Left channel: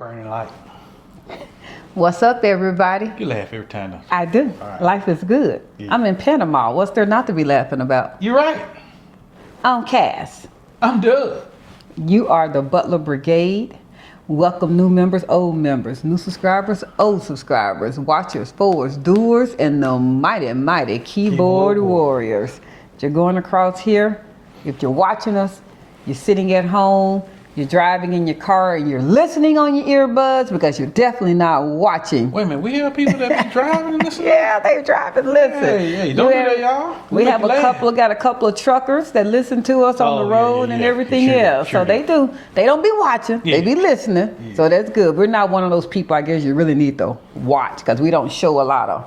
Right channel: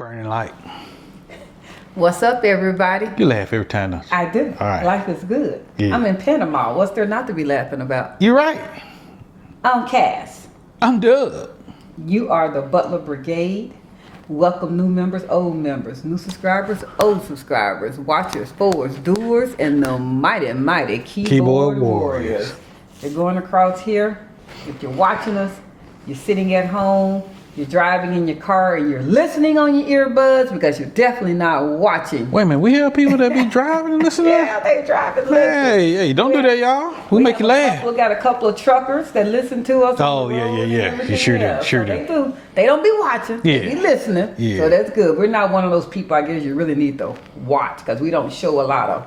Burning light. What's up, everybody? You laugh every time though. I do. All right. Life is good. Yeah. I'm in Panama. What's there not to be laughing about? You're right. I'm Cass. I'm Doug. You are the Butler Brigade. Welcome new members, old members, new subscribers, old subscribers, watchers, forwards, doers, and the mighty, mighty keyboard warriors. If you're going across here, if you're watching us, you're sitting at home, you're driving in your car, and you're listening on your earbuds because you're definitely not watching. Wait a minute, we have people that be driving and listening? Yeah, they driving, listen. Hey, don't do that, y'all. We make have you laugh. got a couple of truckers that listen to us on the road and everything else. Sure So they don't be watching, they be listening. Yeah. So that's good. We're not one of those people I guess you really need to watch because we don't show a lot of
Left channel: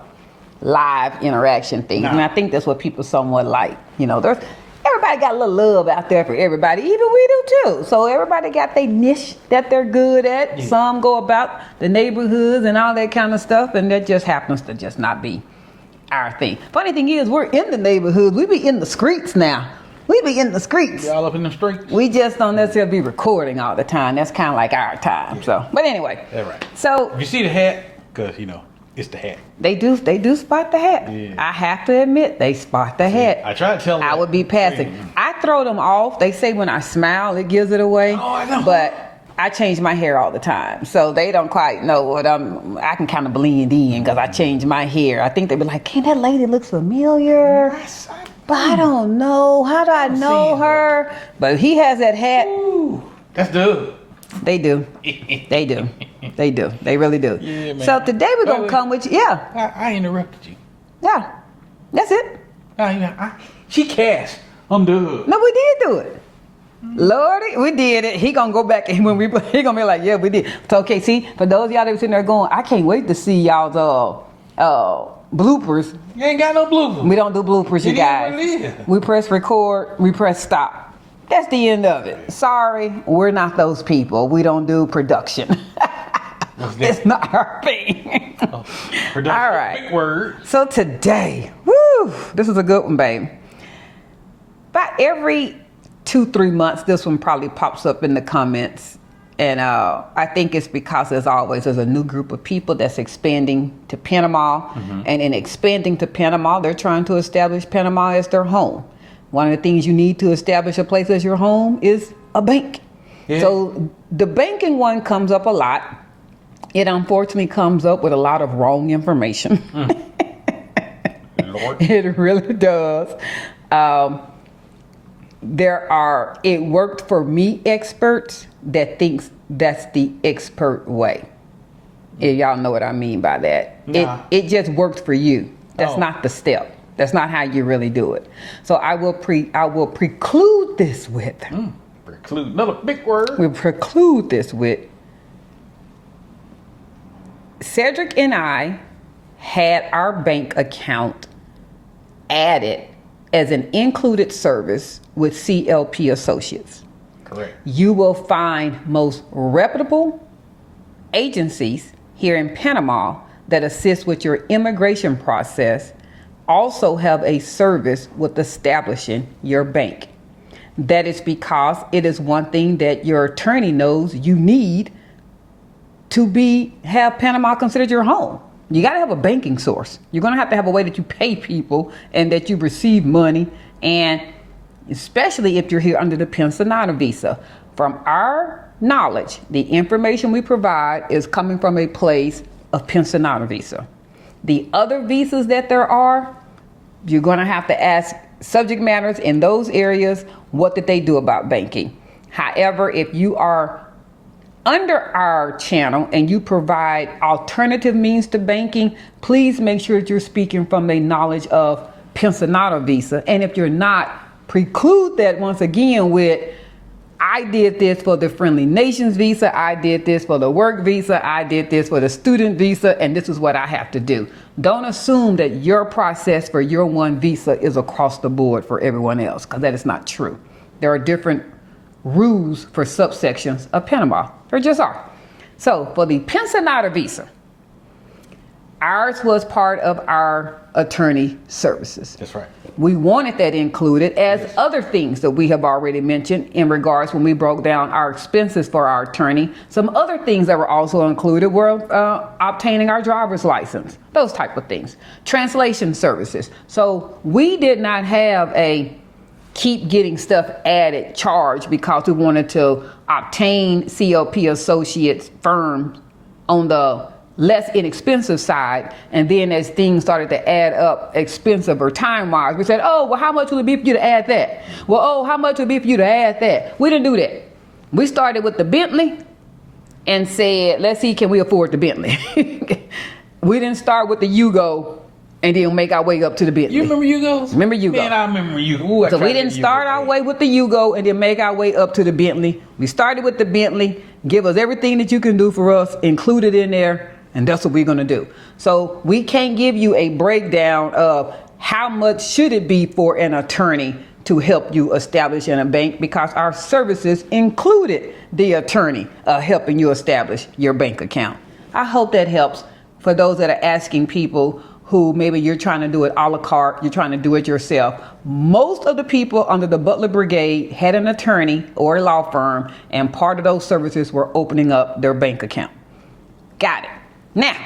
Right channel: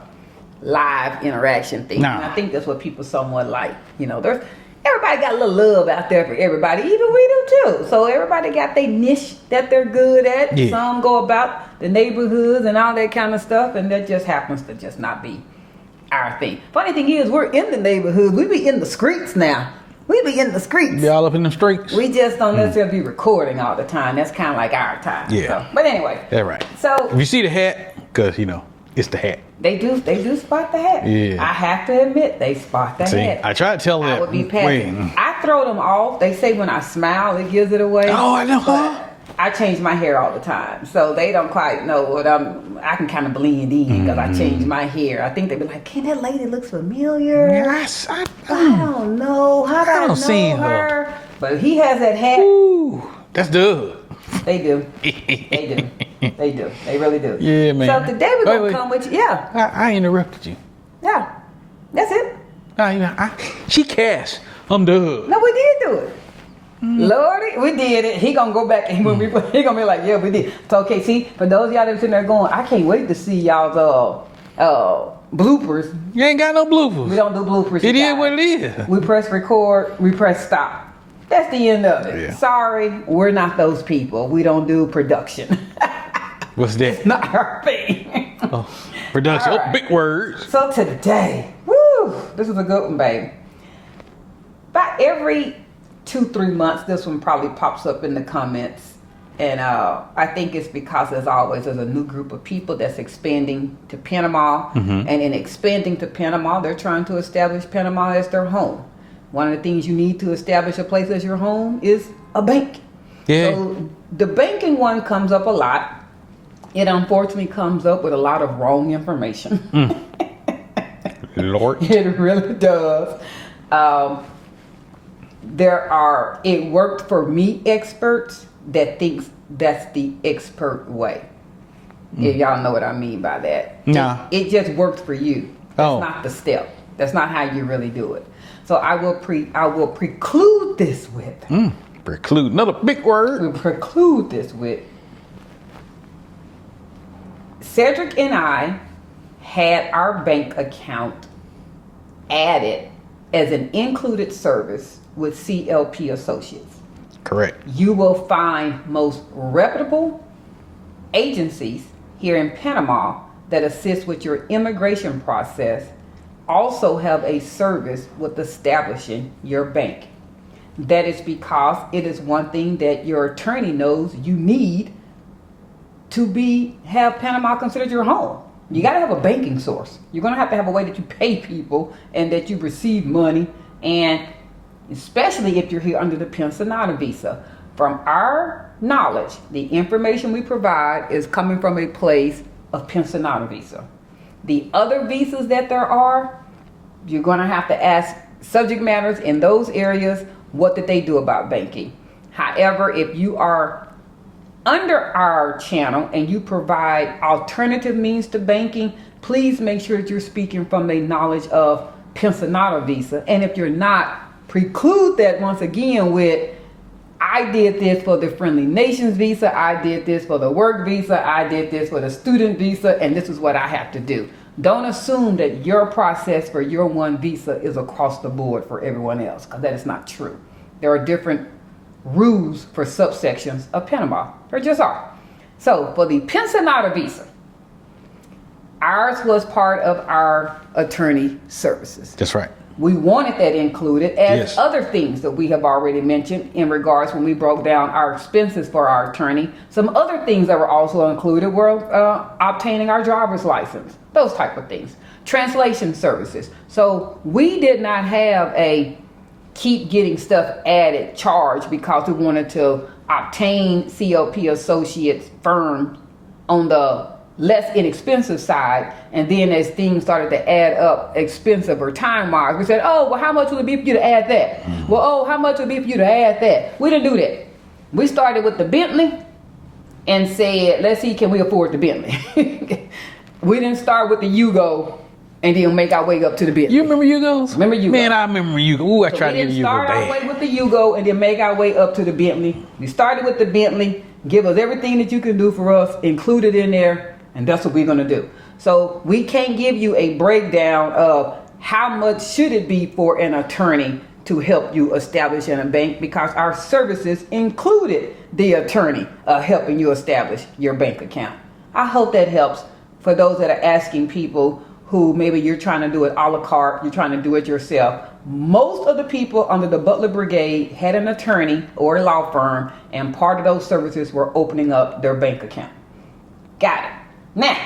live interaction things. Nah. And I think that's what people somewhat like. You know, everybody got a little love out there for everybody. Even we do too. So everybody got their niche that they're good at. Yeah. Some go about the neighborhoods and all that kind of stuff, and that just happens to just not be our thing. Funny thing is, we're in the neighborhoods. We be in the streets now. We be in the streets. Be all up in them streets. We just don't necessarily be recording all the time. That's kind of like our time. Yeah. So, but anyway. That's right. So If you see the hat, because, it's the hat. they do spot the hat. Yeah. I have to admit, they spot the hat. I try to tell them I that. would be passing. Wait. I throw them off. They say when I smile, it gives it away. Oh, I know. But I change my hair all the time, so they don't quite know what I can kind of blend in because I change my hair. I think they be like, "Can that lady looks familiar?" Yes, But I don't know. How do I don't know see her? But he has that hat. Ooh, that's Doug. They do. They do. They do. They really do. Yeah, man. So today we're gonna Wait. come with you. Yeah. I interrupted you. Yeah. That's it. She Cash. I'm Doug. No, we did do it. Lordy, we did it. He gonna go back and when we play, he gonna be like, yeah, we did. So okay, see, for those of y'all that sitting there going, I can't wait to see y'all's bloopers. You ain't got no bloopers. We don't do bloopers, you It is guys. what it is. We press record, we press stop. That's the end of it. Yeah. Sorry, we're not those people. We don't do production. What's that? It's not our thing. Production. All right. Big words. So today, this is a good one, babe. About every 2-3 months, this one probably pops up in the comments. And I think it's because, as always, there's a new group of people that's expanding to Panama. And in expanding to Panama, they're trying to establish Panama as their home. One of the things you need to establish a place as your home is a bank. Yeah. So the banking one comes up a lot. It unfortunately comes up with a lot of wrong information. Lord. It really does. It worked for me experts that thinks that's the expert way. Yeah, y'all know what I mean by that. No. It just works for you. That's Oh. not the step. That's not how you really do it. So I will preclude this with. Preclude. Another big word. We preclude this with. Cedric and I had our bank account added as an included service with CLP Associates. Correct. You will find most reputable agencies here in Panama that assist with your immigration process also have a service with establishing your bank. That is because it is one thing that your attorney knows you need to have Panama considered your home. You got to have a banking source. You're going to have a way that you pay people and that you receive money, and especially if you're here under the Pensionado visa. From our knowledge, the information we provide is coming from a place of Pensionado visa. The other visas that there are, you're going to have to ask subject matters in those areas, what did they do about banking? However, if you are under our channel and you provide alternative means to banking, please make sure that you're speaking from a knowledge of Pensionado visa. And if you're not, preclude that once again with, I did this for the Friendly Nations visa, I did this for the work visa, I did this for the student visa, and this is what I have to do. Don't assume that your process for your one visa is across the board for everyone else, because that is not true. There are different rules for subsections of Panama. There just are. So for the Pensionado visa, ours was part of our attorney services. That's right. we wanted that included as Yes. other things that we have already mentioned in regards when we broke down our expenses for our attorney. Some other things that were also included were obtaining our driver's license, those type of things. Translation services. So we did not have a keep getting stuff added charge because we wanted to obtain COP associates firm on the less inexpensive side, and then as things started to add up expensive or time wise, we said, oh, well, how much would it be for you to add that? Well, oh, how much would it be for you to add that? We didn't do that. We started with the Bentley and said, let's see, can we afford the Bentley? We didn't start with the Yugo and then make our way up to the Bentley. You remember Yugos? Remember Yugo? Man, I remember Yugo. Ooh, I So tried we to didn't get Yugo start our bad. way with the Yugo and then make our way up to the Bentley. We started with the Bentley. Give us everything that you can do for us, include it in there, and that's what we're going to do. So we can't give you a breakdown of how much should it be for an attorney to help you establish in a bank, because our services included the attorney helping you establish your bank account. I hope that helps for those that are asking people who maybe you're trying to do it a la carte, you're trying to do it yourself. Most of the people under the Butler Brigade had an attorney or a law firm, and part of those services were opening up their bank account. Got it. Now,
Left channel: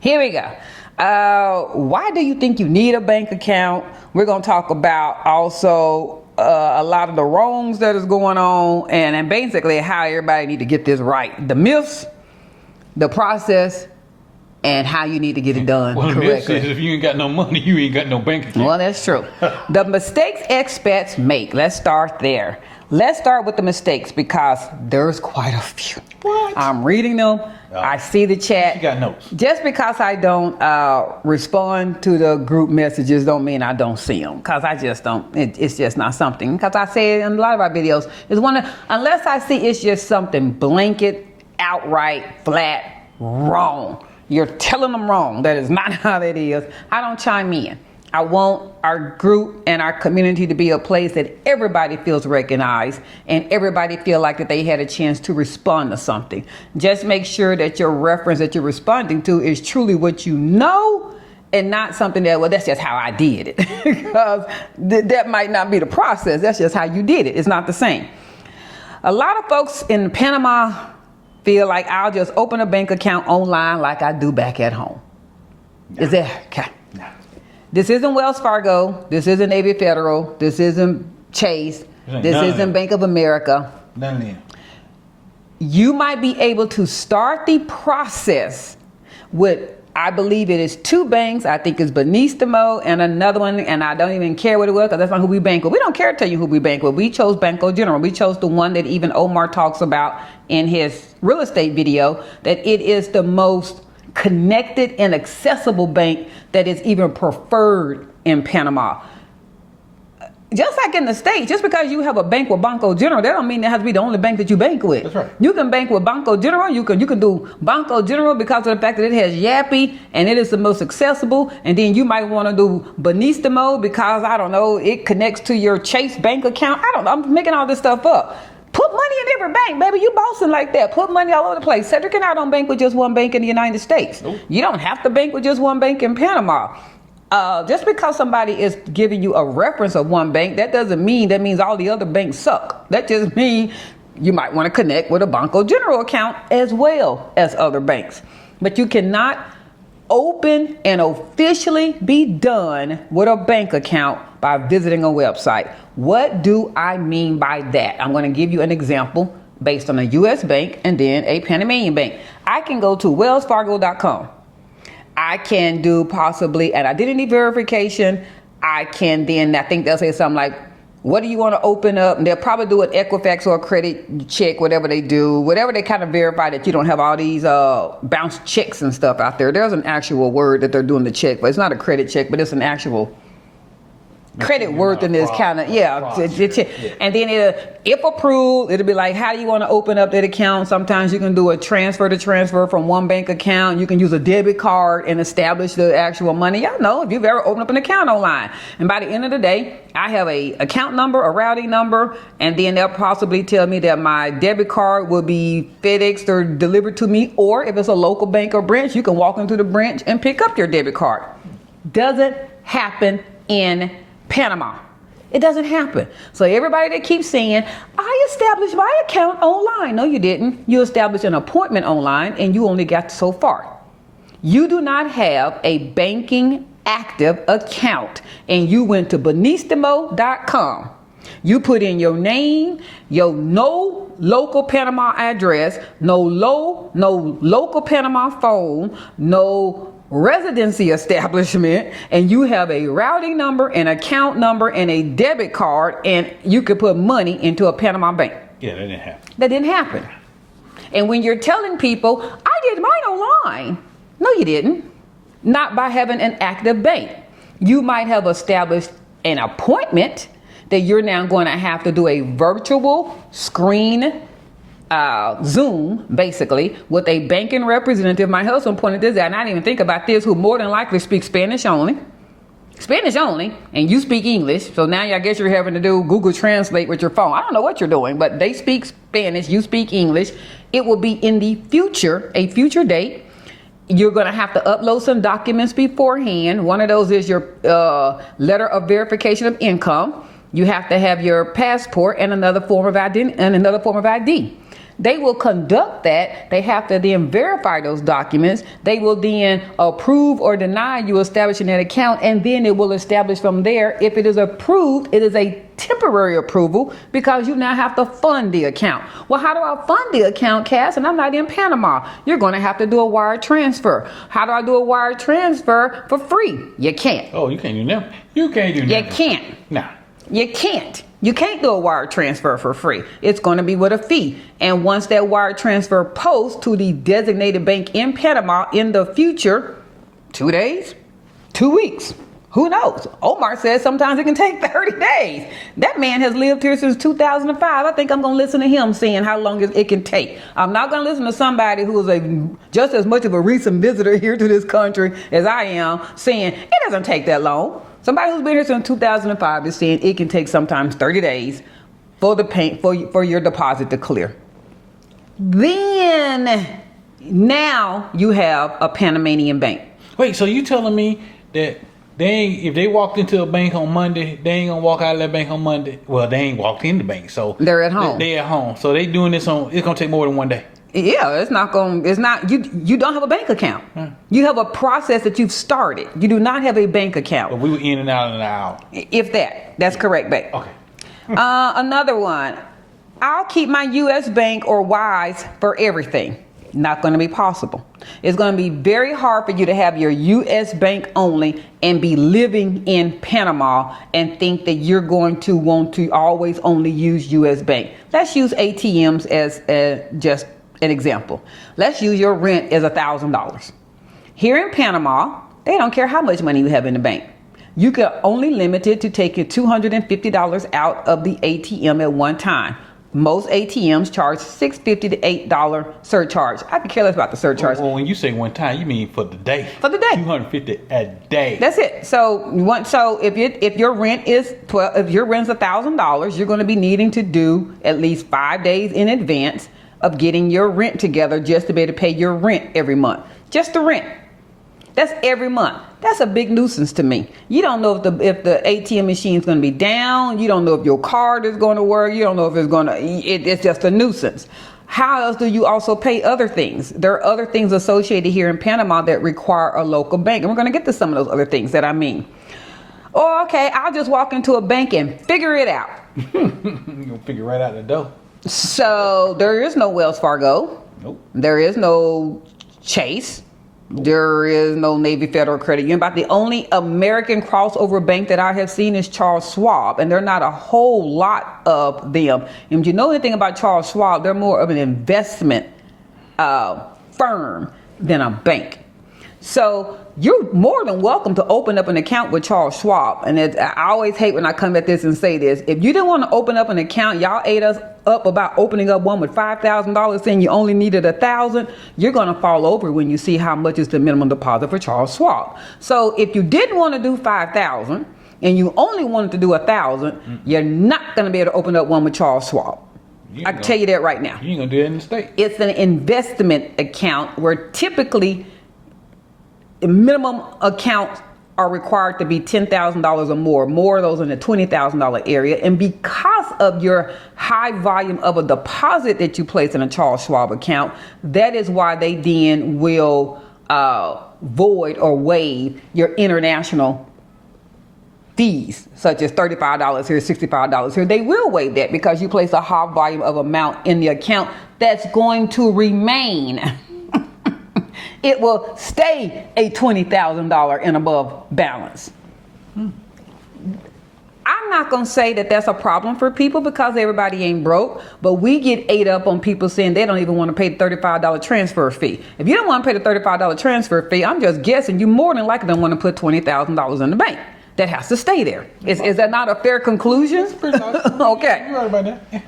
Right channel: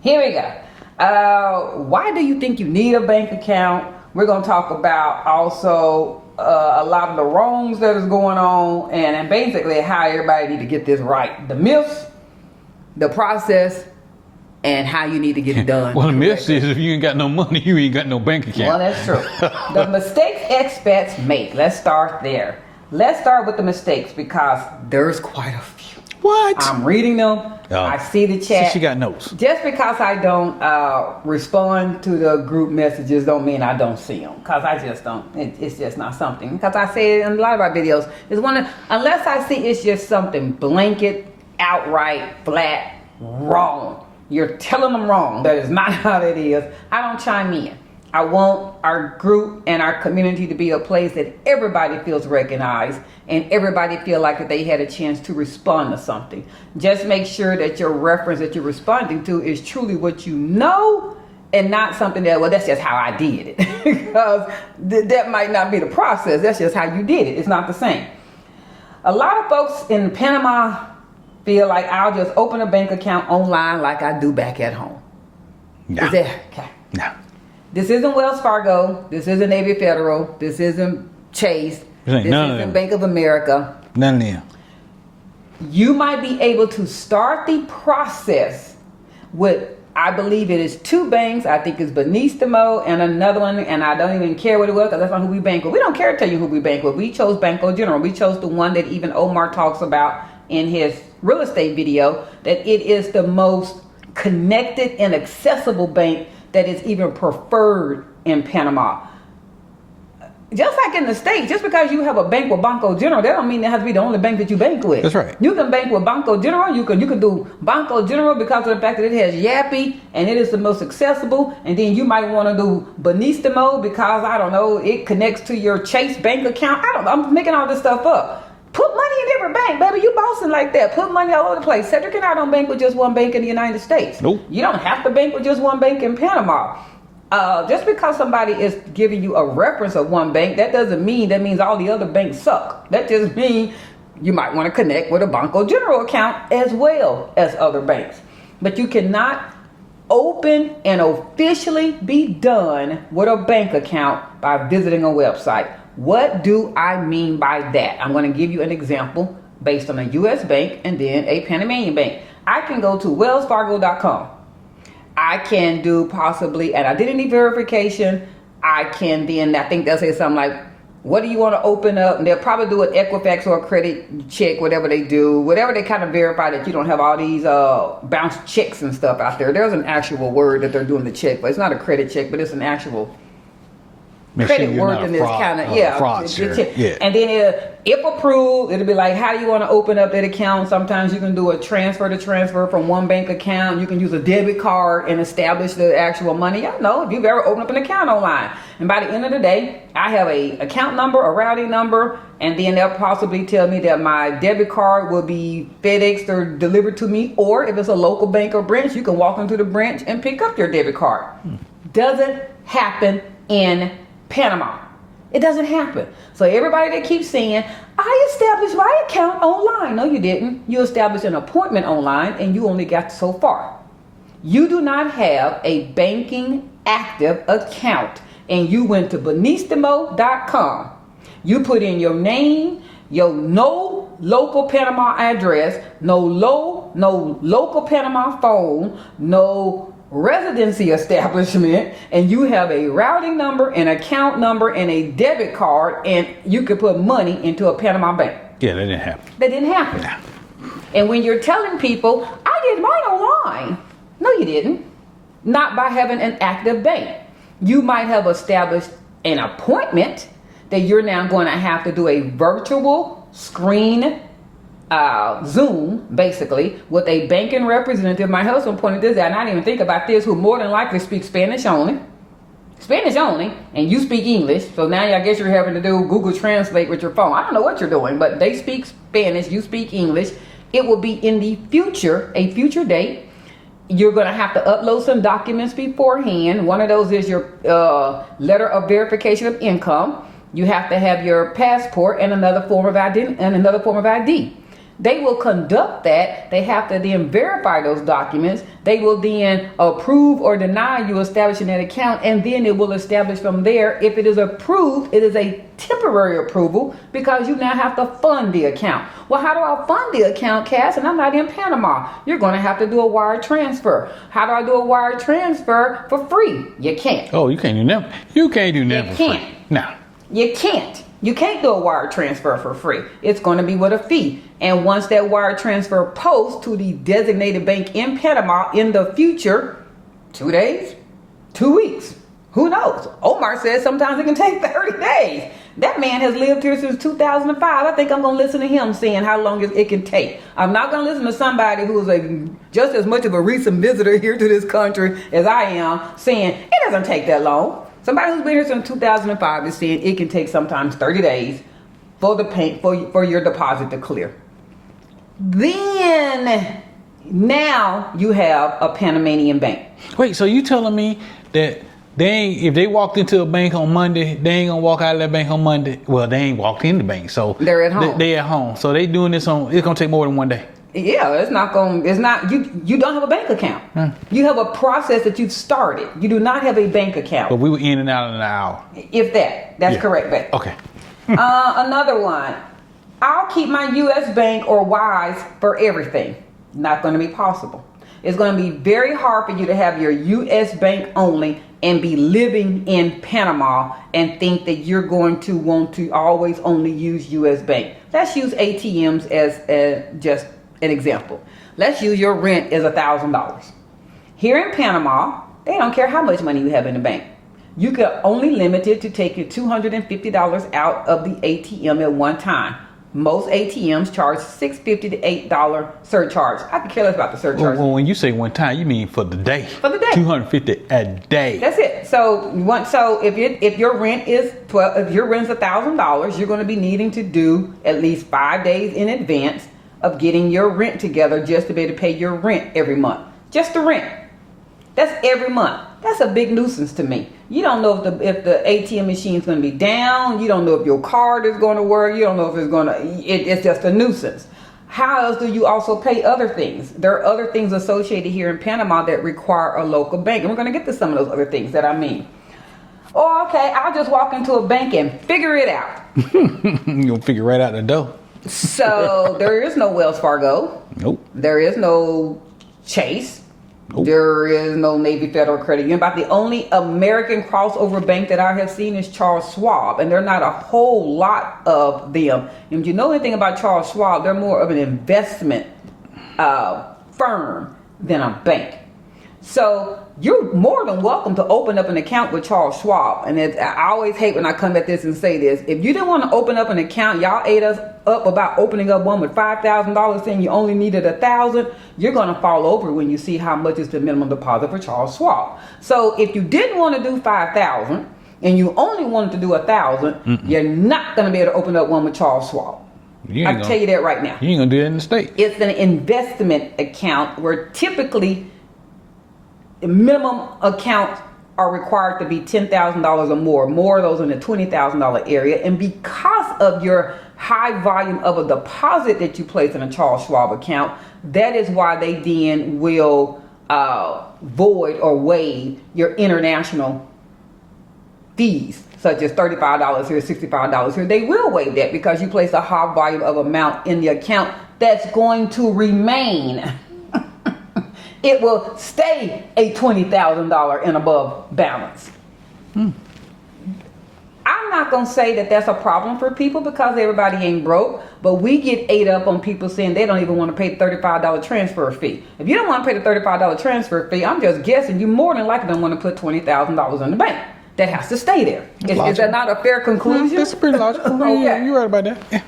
here we go. Why do you think you need a bank account? We're going to talk about also a lot of the wrongs that is going on, and basically how everybody need to get this right. The myths, the process, and how you need to get it done Well, the correctly. myth is if you ain't got no money, you ain't got no bank account. Well, that's true. The mistakes expats make. Let's start there. Let's start with the mistakes because there's quite a few. What? I'm reading them. I see the chat. She got notes. Just because I don't respond to the group messages don't mean I don't see them, because I just don't. It's just not something. Because I say it in a lot of our videos, is unless I see it's just something blanket, outright, flat, wrong. You're telling them wrong. That is not how that is. I don't chime in. I want our group and our community to be a place that everybody feels recognized and everybody feel like that they had a chance to respond to something. Just make sure that your reference that you're responding to is truly what you know and not something that, well, that's just how I did it. Because that might not be the process. That's just how you did it. It's not the same. A lot of folks in Panama feel like I'll just open a bank account online like I do back at home. No. Is that okay? No. This isn't Wells Fargo. This isn't Navy Federal. This isn't Chase. This ain't This none of isn't them. Bank of America. None of them. You might be able to start the process with, I believe it is 2 banks. I think it's Banistmo and another one, and I don't even care what it was because that's not who we bank with. We don't care to tell you who we bank with. We chose Banco General. We chose the one that even Omar talks about in his real estate video, that it is the most connected and accessible bank that is even preferred in Panama. Just like in the States, just because you have a bank with Banco General, that don't mean that has to be the only bank that you bank with. That's right. You can bank with Banco General. You can do Banco General because of the fact that it has Yappy and it is the most accessible. And then you might want to do Banistmo because, I don't know, it connects to your Chase bank account. I don't know. I'm making all this stuff up. Put money in every bank, baby. You bossing like that. Put money all over the place. Cedric and I don't bank with just one bank in the United States. Nope. You don't have to bank with just one bank in Panama. Just because somebody is giving you a reference of one bank, that doesn't mean that means all the other banks suck. That just means you might want to connect with a Banco General account as well as other banks. But you cannot open and officially be done with a bank account by visiting a website. What do I mean by that? I'm going to give you an example based on a U.S. bank and then a Panamanian bank. I can go to wellsfargo.com. I can do possibly an identity verification. I can then, I think they'll say something like, what do you want to open up? And they'll probably do an Equifax or a credit check, whatever they do, whatever they kind of verify that you don't have all these bounce checks and stuff out there. There's an actual word that they're doing the check, but it's not a credit check, but it's an actual credit worthiness kind of, yeah. And then if approved, it'll be like, how do you want to open up that account? Sometimes you can do a transfer from one bank account. You can use a debit card and establish the actual money. Y'all know if you've ever opened up an account online. And by the end of the day, I have a account number, a routing number, and then they'll possibly tell me that my debit card will be FedExed or delivered to me. Or if it's a local bank or branch, you can walk into the branch and pick up your debit card. Doesn't happen in Panama. It doesn't happen. So everybody that keeps saying, I established my account online. No, you didn't. You established an appointment online and you only got so far. You do not have a banking active account and you went to Banistmo.com. You put in your name, your no local Panama address, no local Panama phone, no residency establishment, and you have a routing number, an account number, and a debit card, and you could put money into a Panama bank. Yeah, that didn't happen. That didn't happen. Yeah. And when you're telling people, I did mine online. No, you didn't. Not by having an active bank. You might have established an appointment that you're now going to have to do a virtual screen Zoom, basically, with a banking representative. My husband pointed this out, and I didn't even think about this, who more than likely speaks Spanish only, and you speak English. So now I guess you're having to do Google Translate with your phone. I don't know what you're doing, but they speak Spanish, you speak English. It will be in the future, a future date. You're going to have to upload some documents beforehand. One of those is your letter of verification of income. You have to have your passport and another form of ID. They will conduct that. They have to then verify those documents. They will then approve or deny you establishing that account, and then it will establish from there. If it is approved, it is a temporary approval because you now have to fund the account. Well, how do I fund the account, Cass? And I'm not in Panama. You're going to have to do a wire transfer. How do I do a wire transfer for free? You can't. Oh, you can't do nothing. You can't do nothing. You can't. No. You can't. You can't do a wire transfer for free. It's going to be with a fee. And once that wire transfer posts to the designated bank in Panama in the future, 2 days, 2 weeks, who knows? Omar says sometimes it can take 30 days. That man has lived here since 2005. I think I'm going to listen to him saying how long it can take. I'm not going to listen to somebody who is just as much of a recent visitor here to this country as I am saying it doesn't take that long. Somebody who's been here since 2005 is saying it can take sometimes 30 days for for your deposit to clear. Then now you have a Panamanian bank. Wait, so you telling me that if they walked into a bank on Monday, they ain't gonna walk out of that bank on Monday? Well, they ain't walked in the bank, so they're at home. They're at home, so they doing this it's gonna take more than 1 day. Yeah, it's not, you don't have a bank account. You have a process that you've started. You do not have a bank account. But we were in and out in an hour. If that's correct, babe. Okay. Another one. I'll keep my U.S. bank or Wise for everything. Not going to be possible. It's going to be very hard for you to have your U.S. bank only and be living in Panama and think that you're going to want to always only use U.S. bank. Let's use ATMs as just an example. Let's use your rent as $1,000. Here in Panama, they don't care how much money you have in the bank. You can only limit it to taking $250 out of the ATM at one time. Most ATMs charge $6.50 to $8 surcharge. I could care less about the surcharge. Well, when you say one time, you mean for the day. For the day. $250 a day. That's it. So if your rent is $1,000, you're going to be needing to do at least 5 days in advance of getting your rent together just to be able to pay your rent every month. Just the rent. That's every month. That's a big nuisance to me. You don't know if the ATM machine is going to be down. You don't know if your card is going to work. You don't know if it's just a nuisance. How else do you also pay other things? There are other things associated here in Panama that require a local bank. And we're going to get to some of those other things that I mean. Oh, okay, I'll just walk into a bank and figure it out. You're going to figure right out the door. So there is no Wells Fargo. Nope. There is no Chase. Nope. There is no Navy Federal Credit Union. About the only American crossover bank that I have seen is Charles Schwab, and there are not a whole lot of them. And if you know anything about Charles Schwab, they're more of an investment firm than a bank. So you're more than welcome to open up an account with Charles Schwab. And I always hate when I come at this and say this. If you didn't want to open up an account, y'all ate us up about opening up one with $5,000 saying you only needed $1,000. You're going to fall over when you see how much is the minimum deposit for Charles Schwab. So if you didn't want to do $5,000 and you only wanted to do $1,000, you're not going to be able to open up one with Charles Schwab. I can tell you that right now. You ain't going to do it in the state. It's an investment account where typically the minimum account are required to be $10,000 or more of those in the $20,000 area. And because of your high volume of a deposit that you place in a Charles Schwab account, that is why they then will void or waive your international fees, such as $35 here, $65 here. They will waive that because you place a high volume of amount in the account that's going to remain. It will stay a $20,000 and above balance. I'm not going to say that that's a problem for people because everybody ain't broke, but we get ate up on people saying they don't even want to pay the $35 transfer fee. If you don't want to pay the $35 transfer fee, I'm just guessing you more than likely don't want to put $20,000 in the bank. That has to stay there. Is that not a fair conclusion? That's pretty logical. Okay. Yeah, you're right about that. Yeah.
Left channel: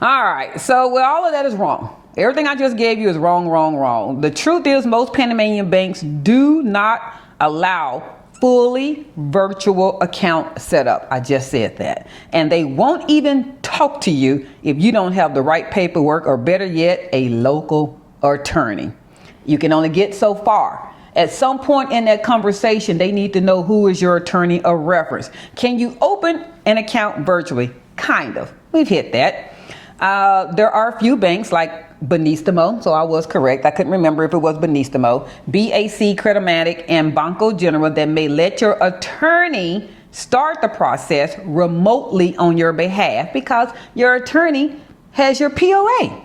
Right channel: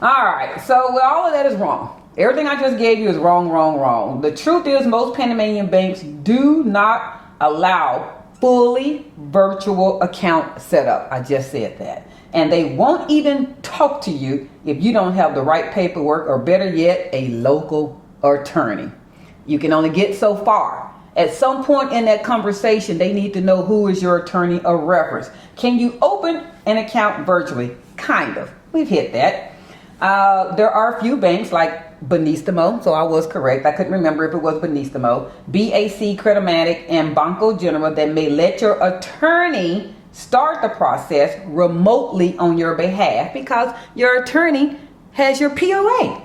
All right. So all of that is wrong. Everything I just gave you is wrong, wrong, wrong. The truth is most Panamanian banks do not allow fully virtual account setup. I just said that. And they won't even talk to you if you don't have the right paperwork, or better yet, a local attorney. You can only get so far. At some point in that conversation, they need to know who is your attorney of reference. Can you open an account virtually? Kind of. We've hit that. There are a few banks like Banistmo, so I was correct. I couldn't remember if it was Banistmo, BAC, Creditmatic, and Banco General that may let your attorney start the process remotely on your behalf because your attorney has your POA.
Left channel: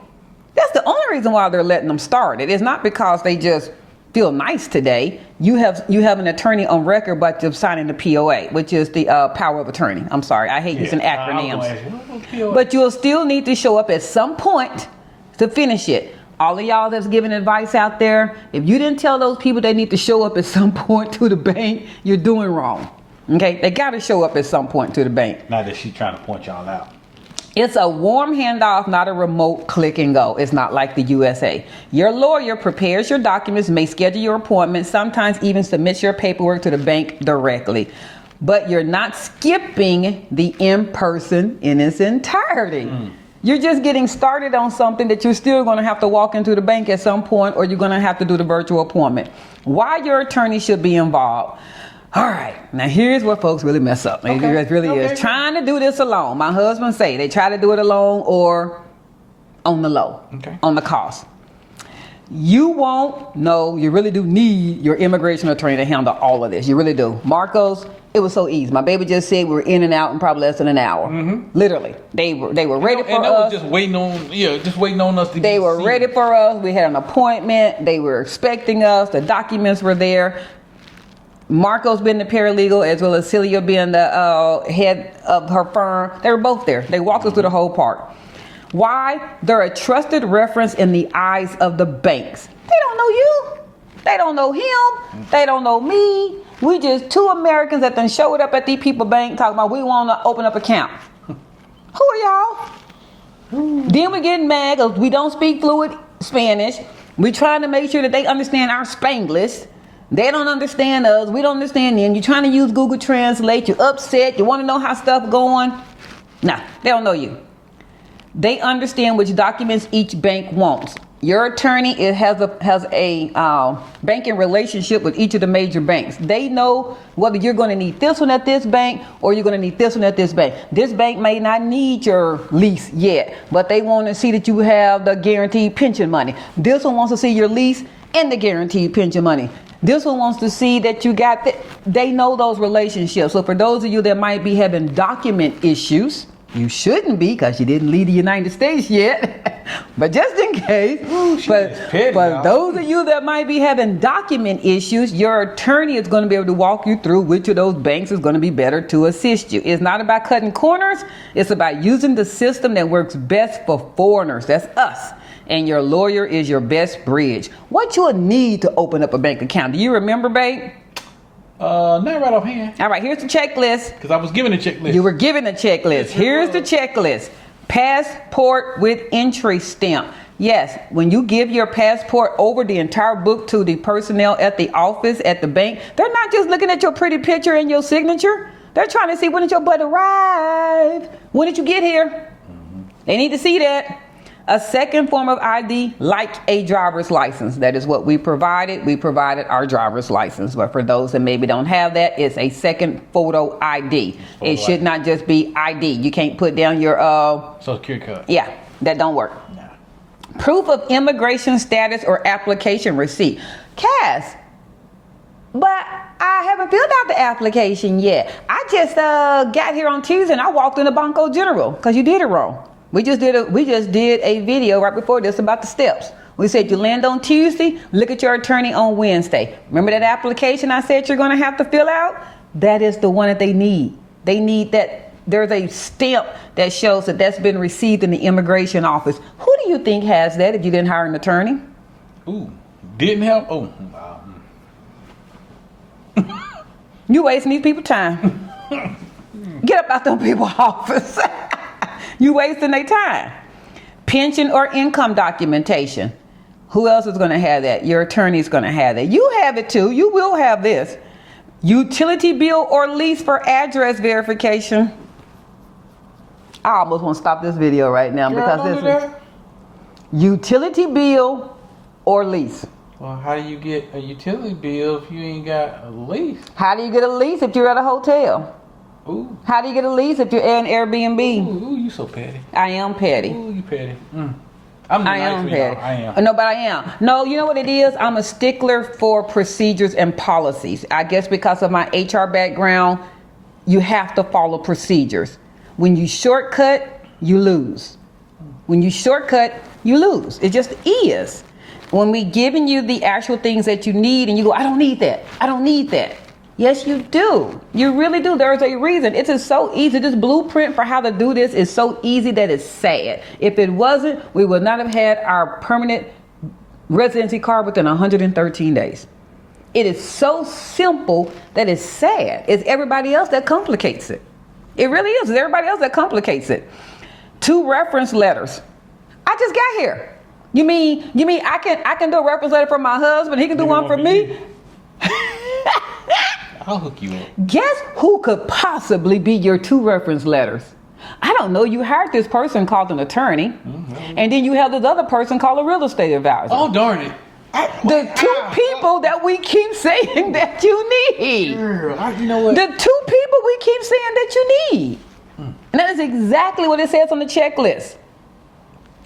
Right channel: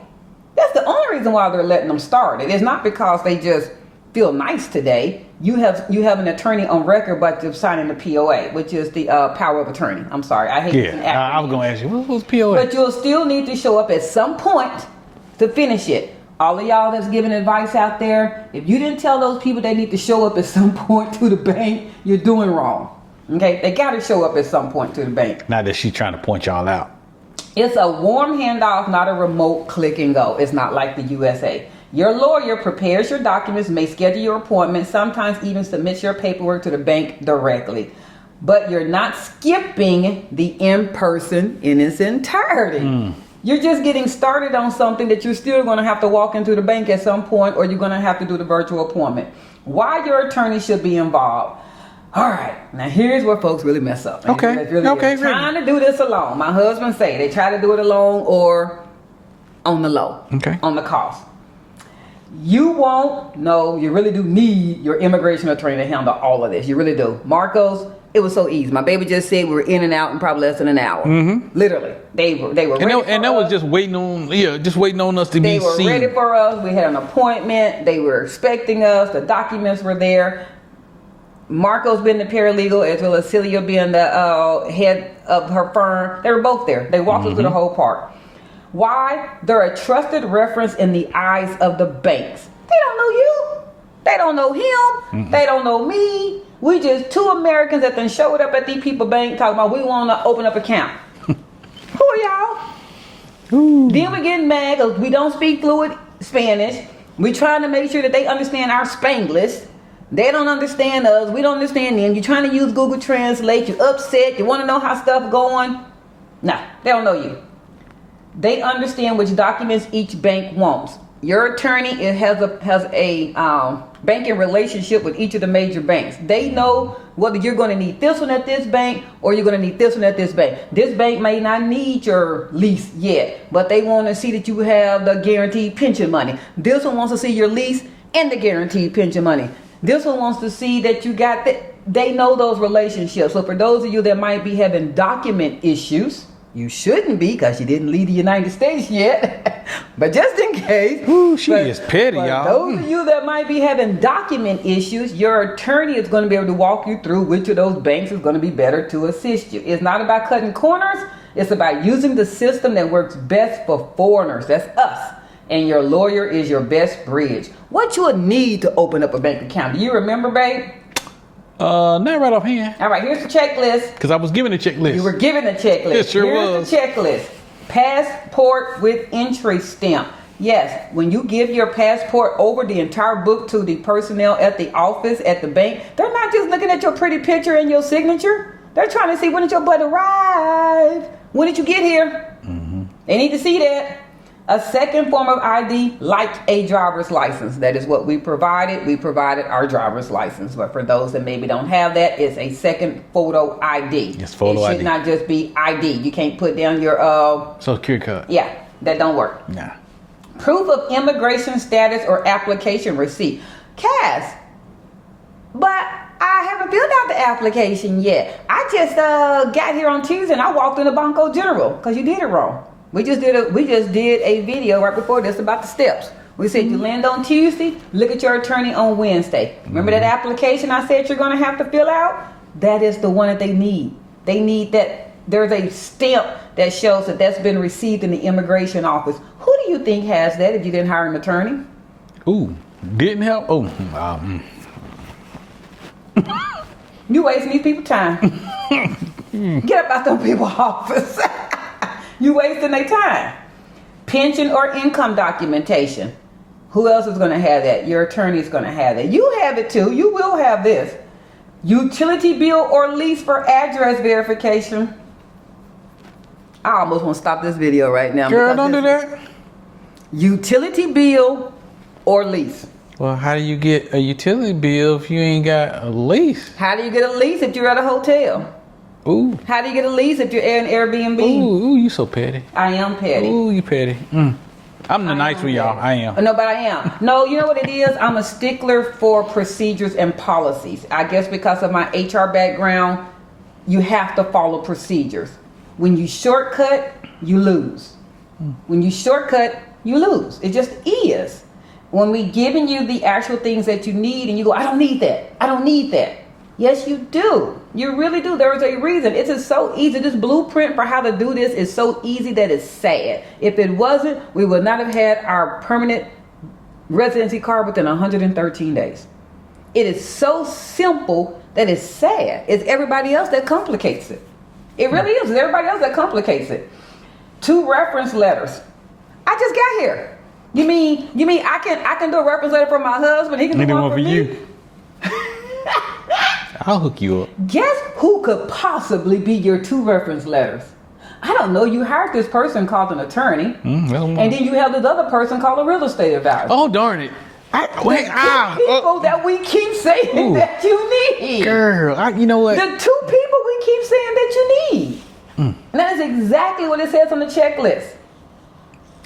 That's the only reason why they're letting them start it. It's not because they just feel nice today. You have an attorney on record, but you're signing the POA, which is the power of attorney. I'm sorry, I hate using acronyms. I'm going to ask you, what was POA? But you'll still need to show up at some point to finish it. All of y'all that's giving advice out there, if you didn't tell those people they need to show up at some point to the bank, you're doing wrong. Okay, they got to show up at some point to the bank. Not that she's trying to point y'all out. It's a warm handoff, not a remote click and go. It's not like the USA. Your lawyer prepares your documents, may schedule your appointment, sometimes even submits your paperwork to the bank directly. But you're not skipping the in-person in its entirety. You're just getting started on something that you're still going to have to walk into the bank at some point, or you're going to have to do the virtual appointment. Why your attorney should be involved. All right, now here's where folks really mess up. Okay. Is trying to do this alone. My husband say they try to do it alone or on the low, on the cost. You won't know. You really do need your immigration attorney to handle all of this. You really do. Marcos, it was so easy. My baby just said we were in and out in probably less than an hour. Literally, they were ready for us. And that was just waiting on us to be seen. They were ready for us. We had an appointment. They were expecting us. The documents were there. Marco's been the paralegal, as well as Celia being the head of her firm. They were both there. They walked us through the whole part. Why? They're a trusted reference in the eyes of the banks. They don't know you. They don't know him. They don't know me. We just two Americans that then showed up at these people bank talking about we want to open up an account. Who are y'all? Then we getting mad because we don't speak fluent Spanish. We trying to make sure that they understand our Spanglish. They don't understand us. We don't understand them. You're trying to use Google Translate. You're upset. You want to know how stuff going. No, they don't know you. They understand which documents each bank wants. Your attorney has a banking relationship with each of the major banks. They know whether you're going to need this one at this bank or you're going to need this one at this bank. This bank may not need your lease yet, but they want to see that you have the guaranteed pension money. This one wants to see your lease and the guaranteed pension money. This one wants to see that you got that. They know those relationships. So for those of you that might be having document issues, you shouldn't be because you didn't leave the United States yet. But just in case. She is petty, y'all. Those of you that might be having document issues, your attorney is going to be able to walk you through which of those banks is going to be better to assist you. It's not about cutting corners. It's about using the system that works best for foreigners. That's us. And your lawyer is your best bridge. What you'll need to open up a bank account. Do you remember, babe? Not right offhand. All right, here's the checklist. Because I was given a checklist. You were given a checklist. Yes, sure Here's was. the checklist. Passport with entry stamp. Yes, when you give your passport over the entire book to the personnel at the office, at the bank, they're not just looking at your pretty picture and your signature. They're trying to see when did your butt arrive? When did you get here? They need to see that. A second form of ID, like a driver's license. That is what we provided. We provided our driver's license. But for those that maybe don't have that, it's a second photo ID. Photo it should ID. not just be ID. You can't put down your Social security card. Yeah, that don't work. Nah. Proof of immigration status or application receipt. Cass, but I haven't filled out the application yet. I just got here on Tuesday and I walked in the Banco General because you did it wrong. We just did a video right before this about the steps. We said you land on Tuesday, look at your attorney on Wednesday. Remember that application I said you're going to have to fill out? That is the one that they need. They need that. There's a stamp that shows that that's been received in the immigration office. Who do you think has that if you didn't hire an attorney? Ooh, didn't help? Oh, You wasting these people's time. Get up out them people's office. You wasting their time. Pension or income documentation. Who else is going to have that? Your attorney is going to have that. You have it too. You will have this. Utility bill or lease for address verification. I almost want to stop this video right now. Girl, because don't do this is that. utility bill or lease. Well, how do you get a utility bill if you ain't got a lease? How do you get a lease if you're at a hotel? Ooh. How do you get a lease if you're at an Airbnb? Ooh, you so petty. I am petty. Ooh, you petty. I'm the nice for y'all. I am. No, but I am. No, you know what it is? I'm a stickler for procedures and policies. I guess because of my HR background, you have to follow procedures. When you shortcut, you lose. When you shortcut, you lose. It just is. When we giving you the actual things that you need and you go, I don't need that. I don't need that. Yes, you do. You really do. There's a reason. It is so easy. This blueprint for how to do this is so easy that it's sad. If it wasn't, we would not have had our permanent residency card within 113 days. It is so simple that it's sad. It's everybody else that complicates it. It really is. It's everybody else that complicates it. 2 reference letters. I just got here. You mean I can do a reference letter for my husband? He can do one for me? I'll hook you up. Guess who could possibly be your 2 reference letters? I don't know. You hired this person called an attorney, and then you have this other person called a real estate advisor. Oh, darn it. The 2 people that we keep saying that you need. Girl, you know what? The 2 people we keep saying that you need. And that is exactly what it says on the checklist.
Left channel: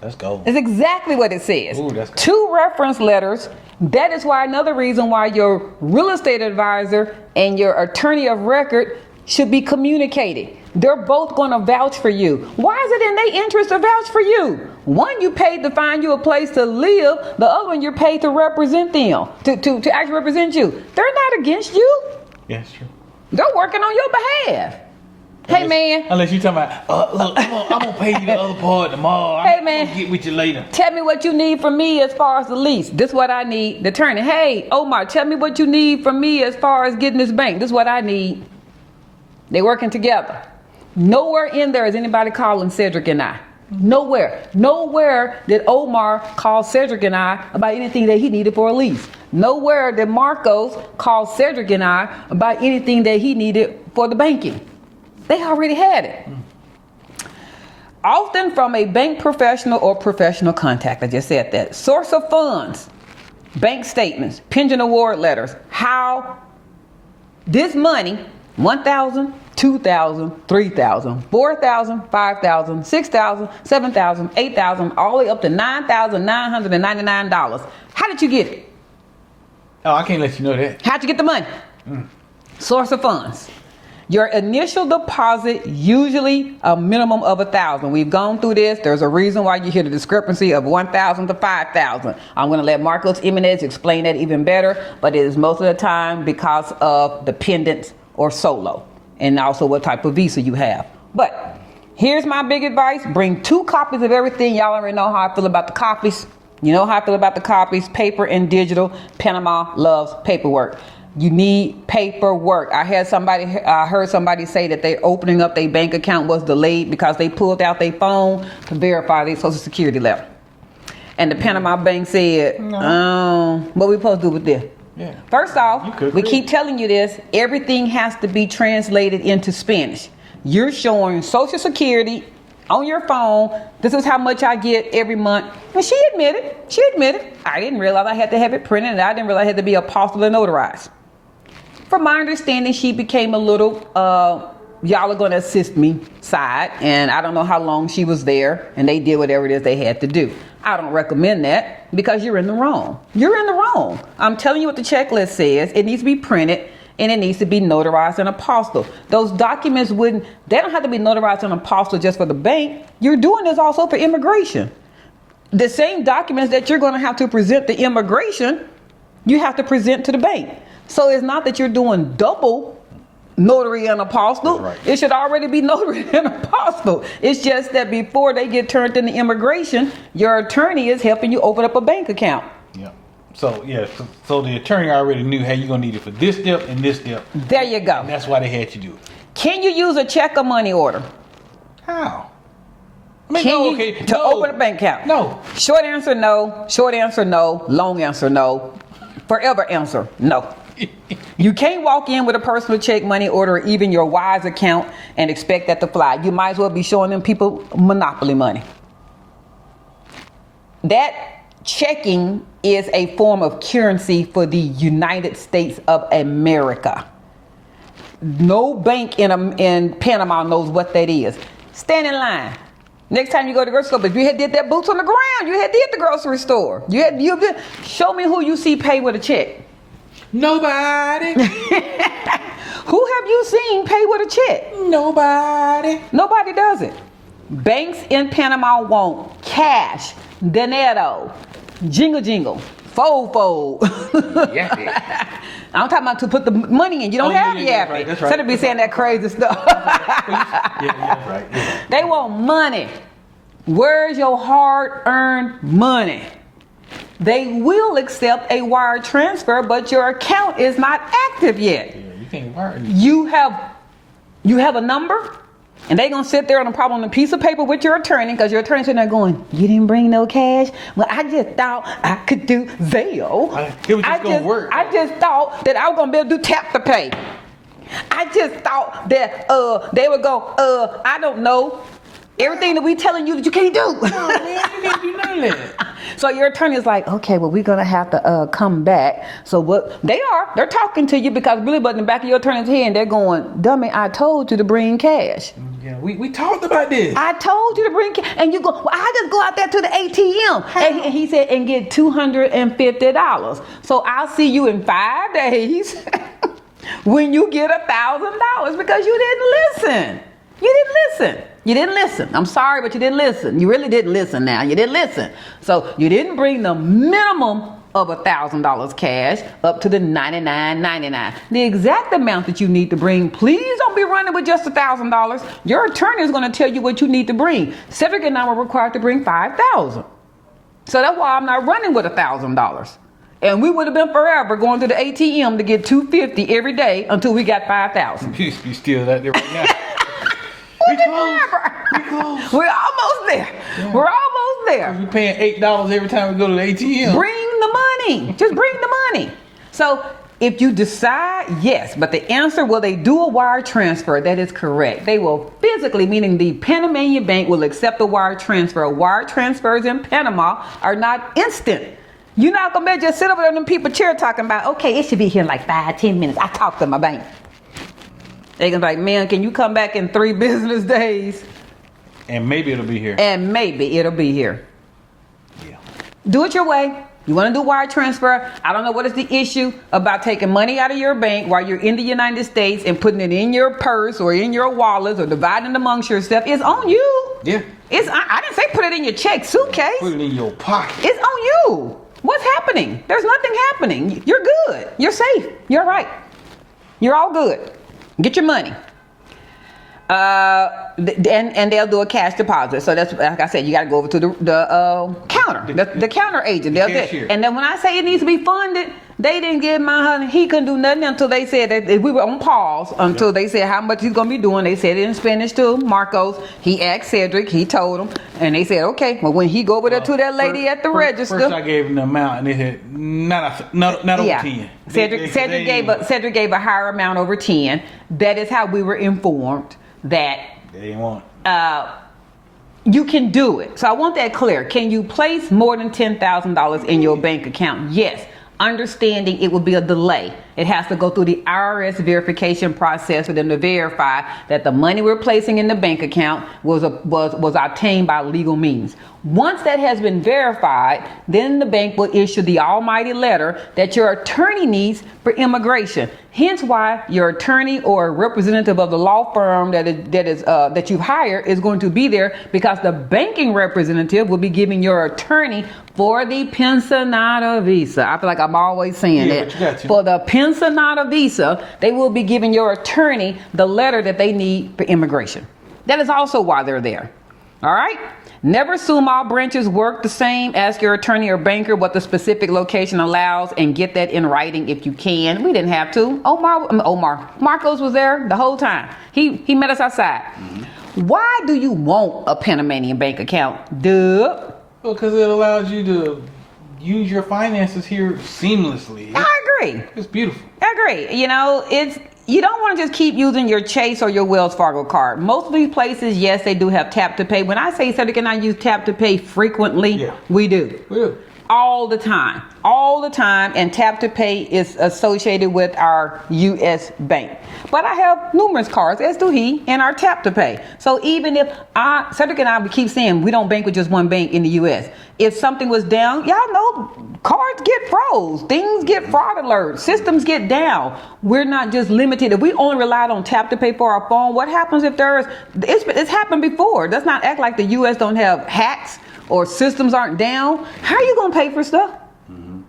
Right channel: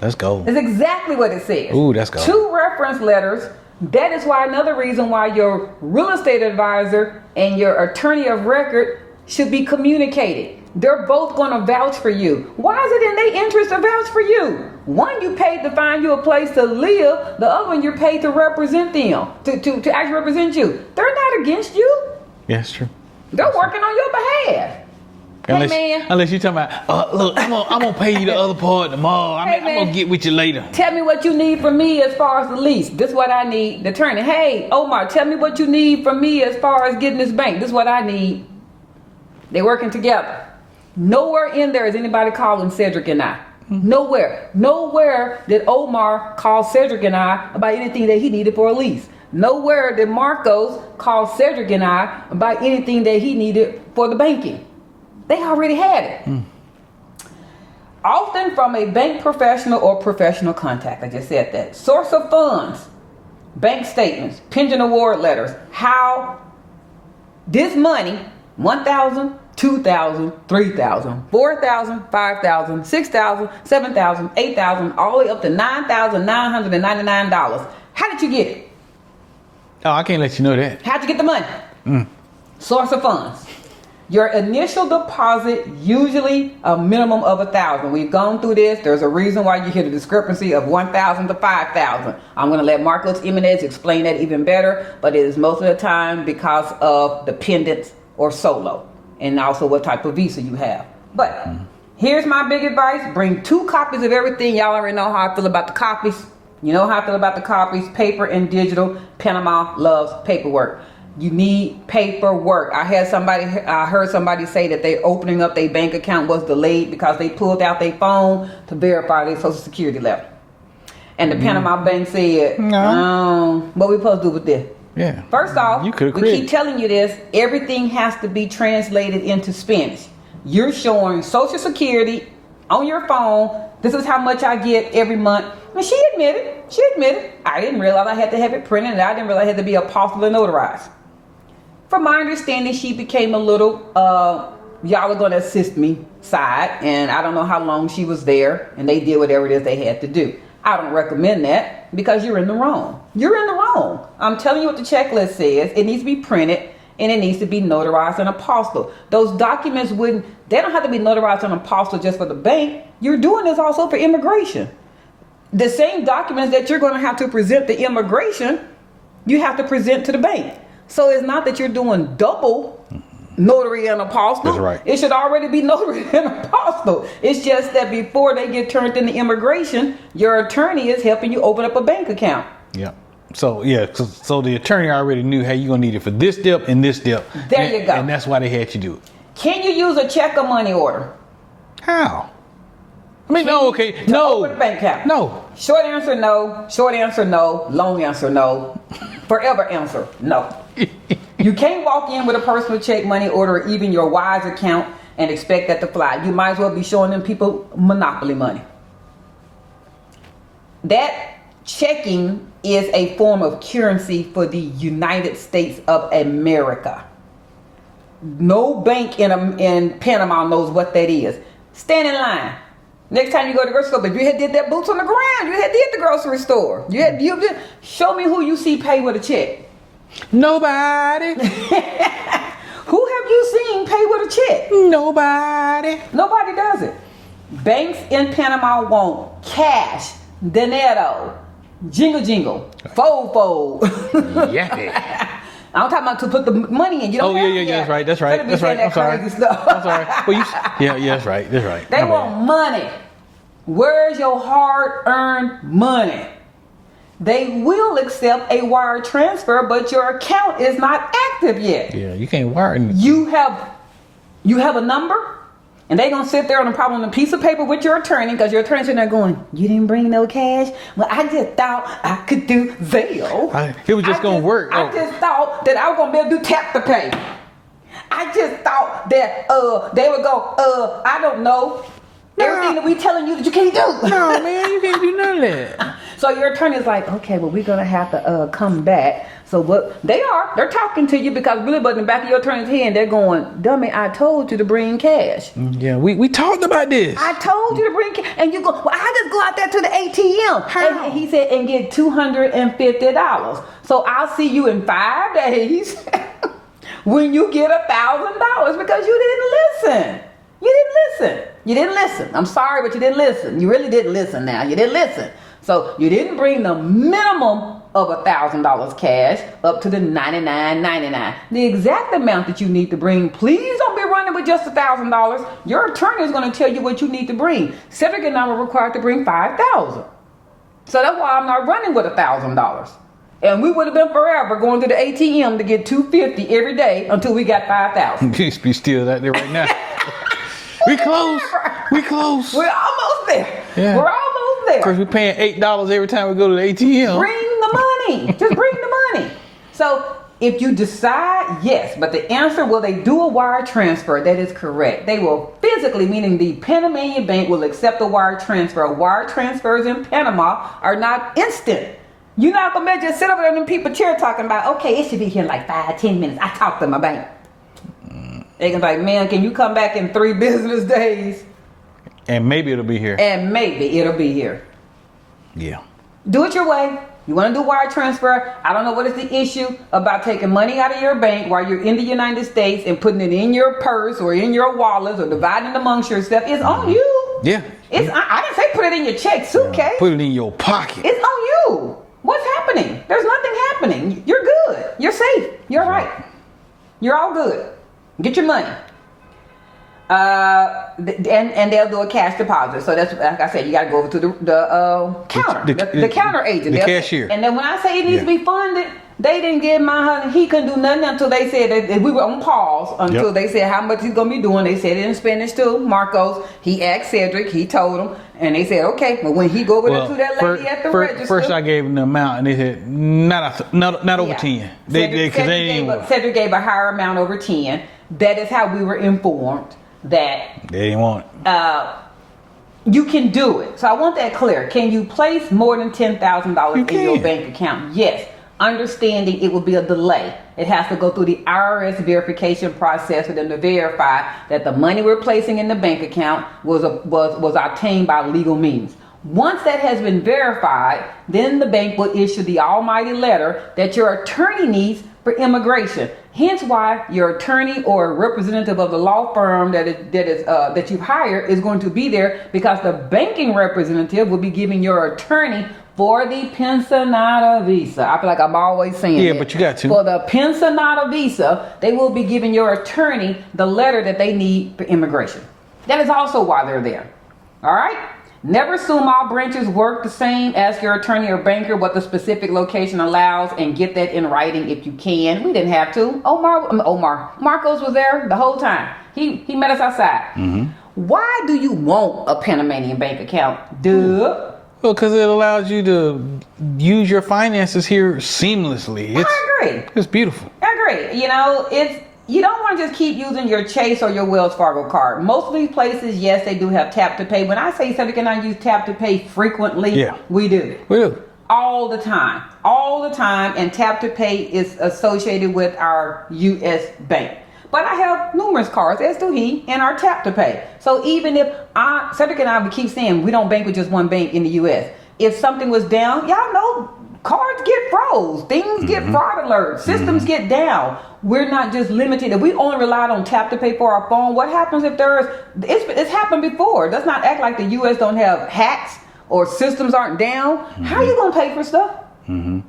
Let's go. That's exactly what it says. Ooh, that's good. 2 reference letters. That is why another reason why your real estate advisor and your attorney of record should be communicating. They're both going to vouch for you. Why is it in their interest to vouch for you? One, you paid to find you a place to live. The other one, you're paid to represent them, to actually represent you. They're not against you. Yeah, it's true. They're working on your behalf. Hey, man. Unless you're talking about, look, I'm gonna pay you the other part tomorrow. Hey, I'm man. gonna get with you later. Tell me what you need from me as far as the lease. This is what I need. The attorney, hey, Omar, tell me what you need from me as far as getting this bank. This is what I need. They working together. Nowhere in there is anybody calling Cedric and I. Nowhere. Nowhere did Omar call Cedric and I about anything that he needed for a lease. Nowhere did Marcos call Cedric and I about anything that he needed for the banking. They already had it. Often from a bank professional or professional contact. I just said that. Source of funds, bank statements, pension award letters. How this money, 1,000, 2,000, 3,000, 4,000, 5,000, 6,000, 7,000, 8,000, all the way up to $9,999. How did you get it? Oh, I can't let you know that. How'd you get the money? Source of funds. Your initial deposit, usually a minimum of 1,000. We've gone through this. There's a reason why you hear the discrepancy of 1,000 to 5,000. I'm going to let Marcos Jimenez explain that even better, but it is most of the time because of dependents or solo, and also what type of visa you have. But here's my big advice. Bring 2 copies of everything. Y'all already know how I feel about the copies. You know how I feel about the copies, paper and digital. Panama loves paperwork. You need paperwork. I heard somebody say that they opening up their bank account was delayed because they pulled out their phone to verify their social security level. And the Panama bank said, no. What we supposed to do with this? Yeah. First off, we keep telling you this. Everything has to be translated into Spanish. You're showing social security on your phone, this is how much I get every month. And she admitted, I didn't realize I had to have it printed, and I didn't realize I had to be apostille and notarized. From my understanding, she became a little, y'all are going to assist me side, and I don't know how long she was there, and they did whatever it is they had to do. I don't recommend that because you're in the wrong. You're in the wrong. I'm telling you what the checklist says. It needs to be printed and it needs to be notarized and apostille. Those documents they don't have to be notarized and apostille just for the bank. You're doing this also for immigration. The same documents that you're going to have to present to immigration, you have to present to the bank. So it's not that you're doing double notary and apostille. That's right. It should already be notary and apostille. It's just that before they get turned into immigration, your attorney is helping you open up a bank account. Yeah. So the attorney already knew, hey, you're gonna need it for this step and this step. There you go. And that's why they had you do it. Can you use a check or money order? How? I mean, Can no, you, okay, to no. open a bank account? No. Short answer, no. Short answer, no. Long answer, no. Forever answer, no. You can't walk in with a personal check, money order, or even your Wise account and expect that to fly. You might as well be showing them people monopoly money. That checking is a form of currency for the United States of America. No bank in Panama knows what that is. Stand in line. Next time you go to the grocery store, if you had did that boots on the ground, you had did the grocery store. Show me who you see pay with a check. Nobody. Who have you seen pay with a check? Nobody. Nobody does it. Banks in Panama want cash, dinero, jingle, fold. Yeah. I'm talking about to put the money in. You don't have it yet. That's right. Instead of be saying that crazy stuff. That's right. They want money. Where's your hard-earned money? They will accept a wire transfer, but your account is not active yet. Yeah, you can't wire anything. You have a number, and they're gonna sit there on a piece of paper with your attorney, because your attorney's sitting there going, "You didn't bring no cash? Well, I just thought I could do Zelle. It was just gonna work. I just thought that I was gonna be able to do tap to pay. I just thought that they would go, I don't know. Everything that we telling you that you can't do. No, man, you can't do none of that. So your attorney's like, okay, well, we're gonna have to come back. So what they're talking to you, because really, but in the back of your attorney's head, and they're going, dummy, I told you to bring cash. Yeah, we talked about this. I told you to bring cash, and you go, well, I just go out there to the ATM. And he said, and get $250. So I'll see you in 5 days when you get $1,000, because you didn't listen. You didn't listen. I'm sorry, but you didn't listen. You really didn't listen now. You didn't listen. So you didn't bring the minimum of $1,000 cash up to the $99.99. The exact amount that you need to bring, please don't be running with just $1,000. Your attorney is going to tell you what you need to bring. Cedric and I were required to bring $5,000. So that's why I'm not running with $1,000. And we would have been forever going to the ATM to get $250 every day until we got $5,000. You be still out there right now. We close. We're almost there. Yeah. We're almost there. Because we're paying $8 every time we go to the ATM. Bring the money. Just bring the money. So if you decide, yes, but the answer, will they do a wire transfer? That is correct. They will physically, meaning the Panamanian bank will accept a wire transfer. Wire transfers in Panama are not instant. You're not going to just sit over there in them people chair talking about, okay, it should be here in like 5-10 minutes. I talked to my bank. They can be like, man, can you come back in 3 business days? And maybe it'll be here. Yeah. Do it your way. You want to do wire transfer? I don't know what is the issue about taking money out of your bank while you're in the United States and putting it in your purse or in your wallet or dividing amongst yourself. It's on you. Yeah. I didn't say put it in your check suitcase. Put it in your pocket. It's on you. What's happening? There's nothing happening. You're good. You're safe. You're right. You're all good. Get your money. And they'll do a cash deposit. So that's, like I said, you got to go over to the counter, the counter agent. The cashier. And then when I say it needs to be funded, they didn't give my husband, he couldn't do nothing until they said that we were on pause until they said how much he's going to be doing. They said it in Spanish to Marcos. He asked Cedric, he told him, and they said, okay, but when he go over there to that lady at the register. First I gave them the amount, and they said, not over 10. Cedric gave a higher amount over 10. That is how we were informed that they didn't want it. You can do it. So I want that clear. Can you place more than $10,000 in your bank account? Yes. Understanding it will be a delay. It has to go through the IRS verification process for them to verify that the money we're placing in the bank account was obtained by legal means. Once that has been verified, then the bank will issue the almighty letter that your attorney needs for immigration. Hence why your attorney or a representative of the law firm that you've hired is going to be there, because the banking representative will be giving your attorney for the pensionada visa. I feel like I'm always saying it. But you got to. For the pensionada visa, they will be giving your attorney the letter that they need for immigration. That is also why they're there. All right? Never assume all branches work the same. Ask your attorney or banker what the specific location allows and get that in writing if you can. We didn't have to. Marcos was there the whole time. He met us outside. Mm-hmm. Why do you want a Panamanian bank account? Duh. Well, because it allows you to use your finances here seamlessly. I agree. It's beautiful. I agree. You don't want to just keep using your Chase or your Wells Fargo card. Most of these places, yes, they do have tap to pay. When I say Cedric and I use tap to pay frequently, yeah, we do. We do. All the time. All the time. And tap to pay is associated with our U.S. bank. But I have numerous cards, as do he, and our tap to pay. So even if Cedric and I keep saying we don't bank with just one bank in the U.S. If something was down, y'all know cards get froze. Things get fraud alerts. Systems get down. We're not just limited. If we only relied on tap to pay for our phone, what happens if it's happened before. Let's not act like the U.S. don't have hacks or systems aren't down. How are you going to pay for stuff? Mm-hmm.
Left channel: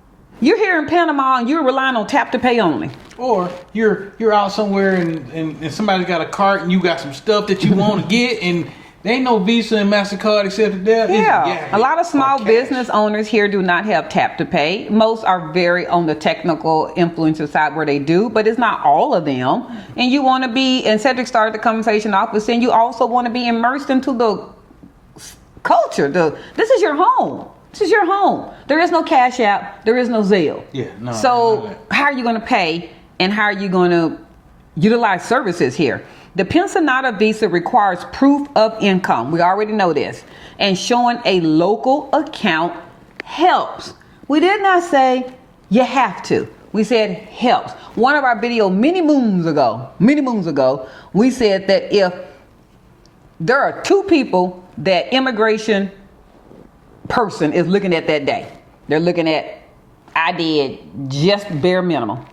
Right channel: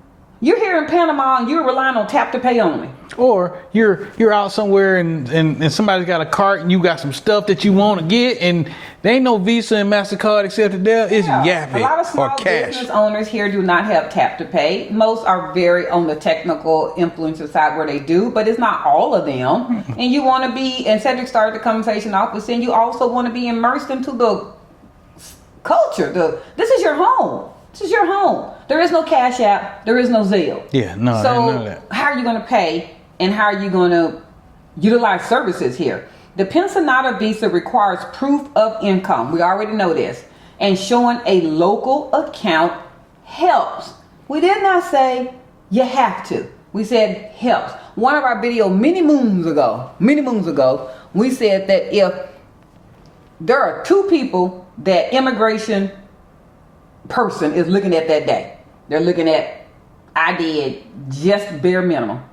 You're here in Panama and you're relying on tap to pay only. Or you're out somewhere and somebody's got a cart and you got some stuff that you want to get, and there ain't no Visa and MasterCard except there. Yeah, a lot of small business owners here do not have tap to pay. Most are very on the technical influencer side where they do, but it's not all of them. And you want to be, and Cedric started the conversation off with saying you also want to be immersed into the culture. This is your home. This is your home. There is no Cash App. There is no Zelle. Yeah, no. So how are you going to pay, and how are you going to utilize services here? The pensionada visa requires proof of income. We already know this. And showing a local account helps. We did not say you have to. We said helps. One of our videos many moons ago, we said that if there are two people that immigration person is looking at that day, they're looking at, I did just bare minimum.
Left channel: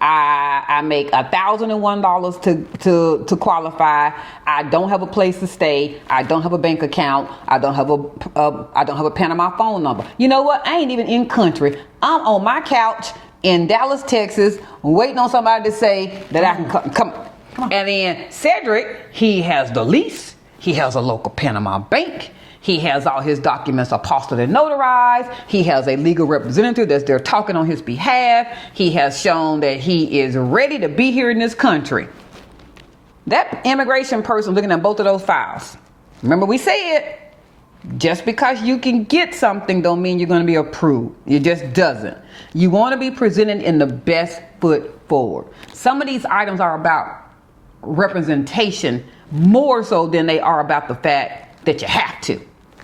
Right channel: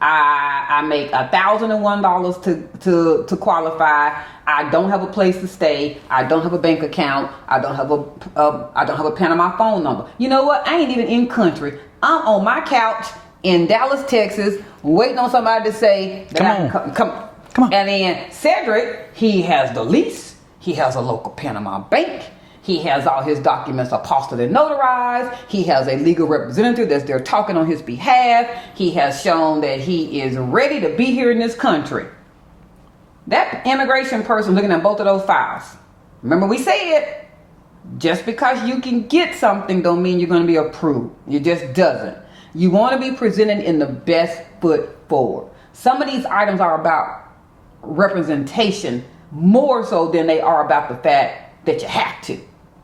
I make $1,001 to qualify. I don't have a place to stay. I don't have a bank account. I don't have a Panama phone number. You know what? I ain't even in country. I'm on my couch in Dallas, Texas, waiting on somebody to say that I can come on. And then Cedric, he has the lease. He has a local Panama bank. He has all his documents apostilled and notarized. He has a legal representative that's there talking on his behalf. He has shown that he is ready to be here in this country. That immigration person looking at both of those files. Remember we said, just because you can get something don't mean you're going to be approved. It just doesn't. You want to be presented in the best foot forward. Some of these items are about representation more so than they are about the fact that you have to.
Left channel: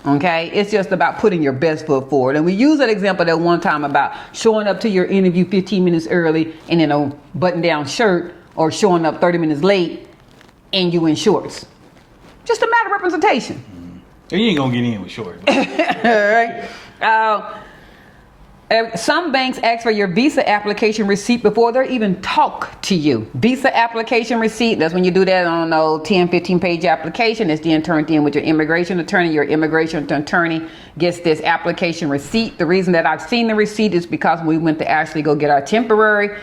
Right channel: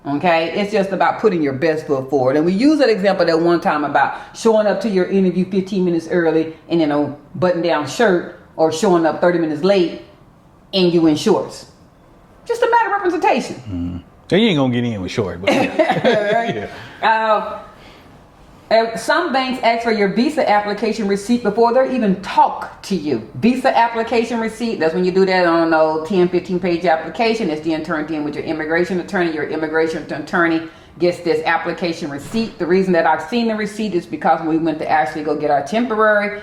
Okay, it's just about putting your best foot forward. And we use that example that one time about showing up to your interview 15 minutes early and in a button-down shirt, or showing up 30 minutes late and you in shorts. Just a matter of representation. Mm-hmm. And you ain't gonna get in with shorts. But right? Some banks ask for your visa application receipt before they even talk to you. Visa application receipt, that's when you do that on a 10, 15 page application. It's then turned in with your immigration attorney. Your immigration attorney gets this application receipt. The reason that I've seen the receipt is because when we went to actually go get our temporary,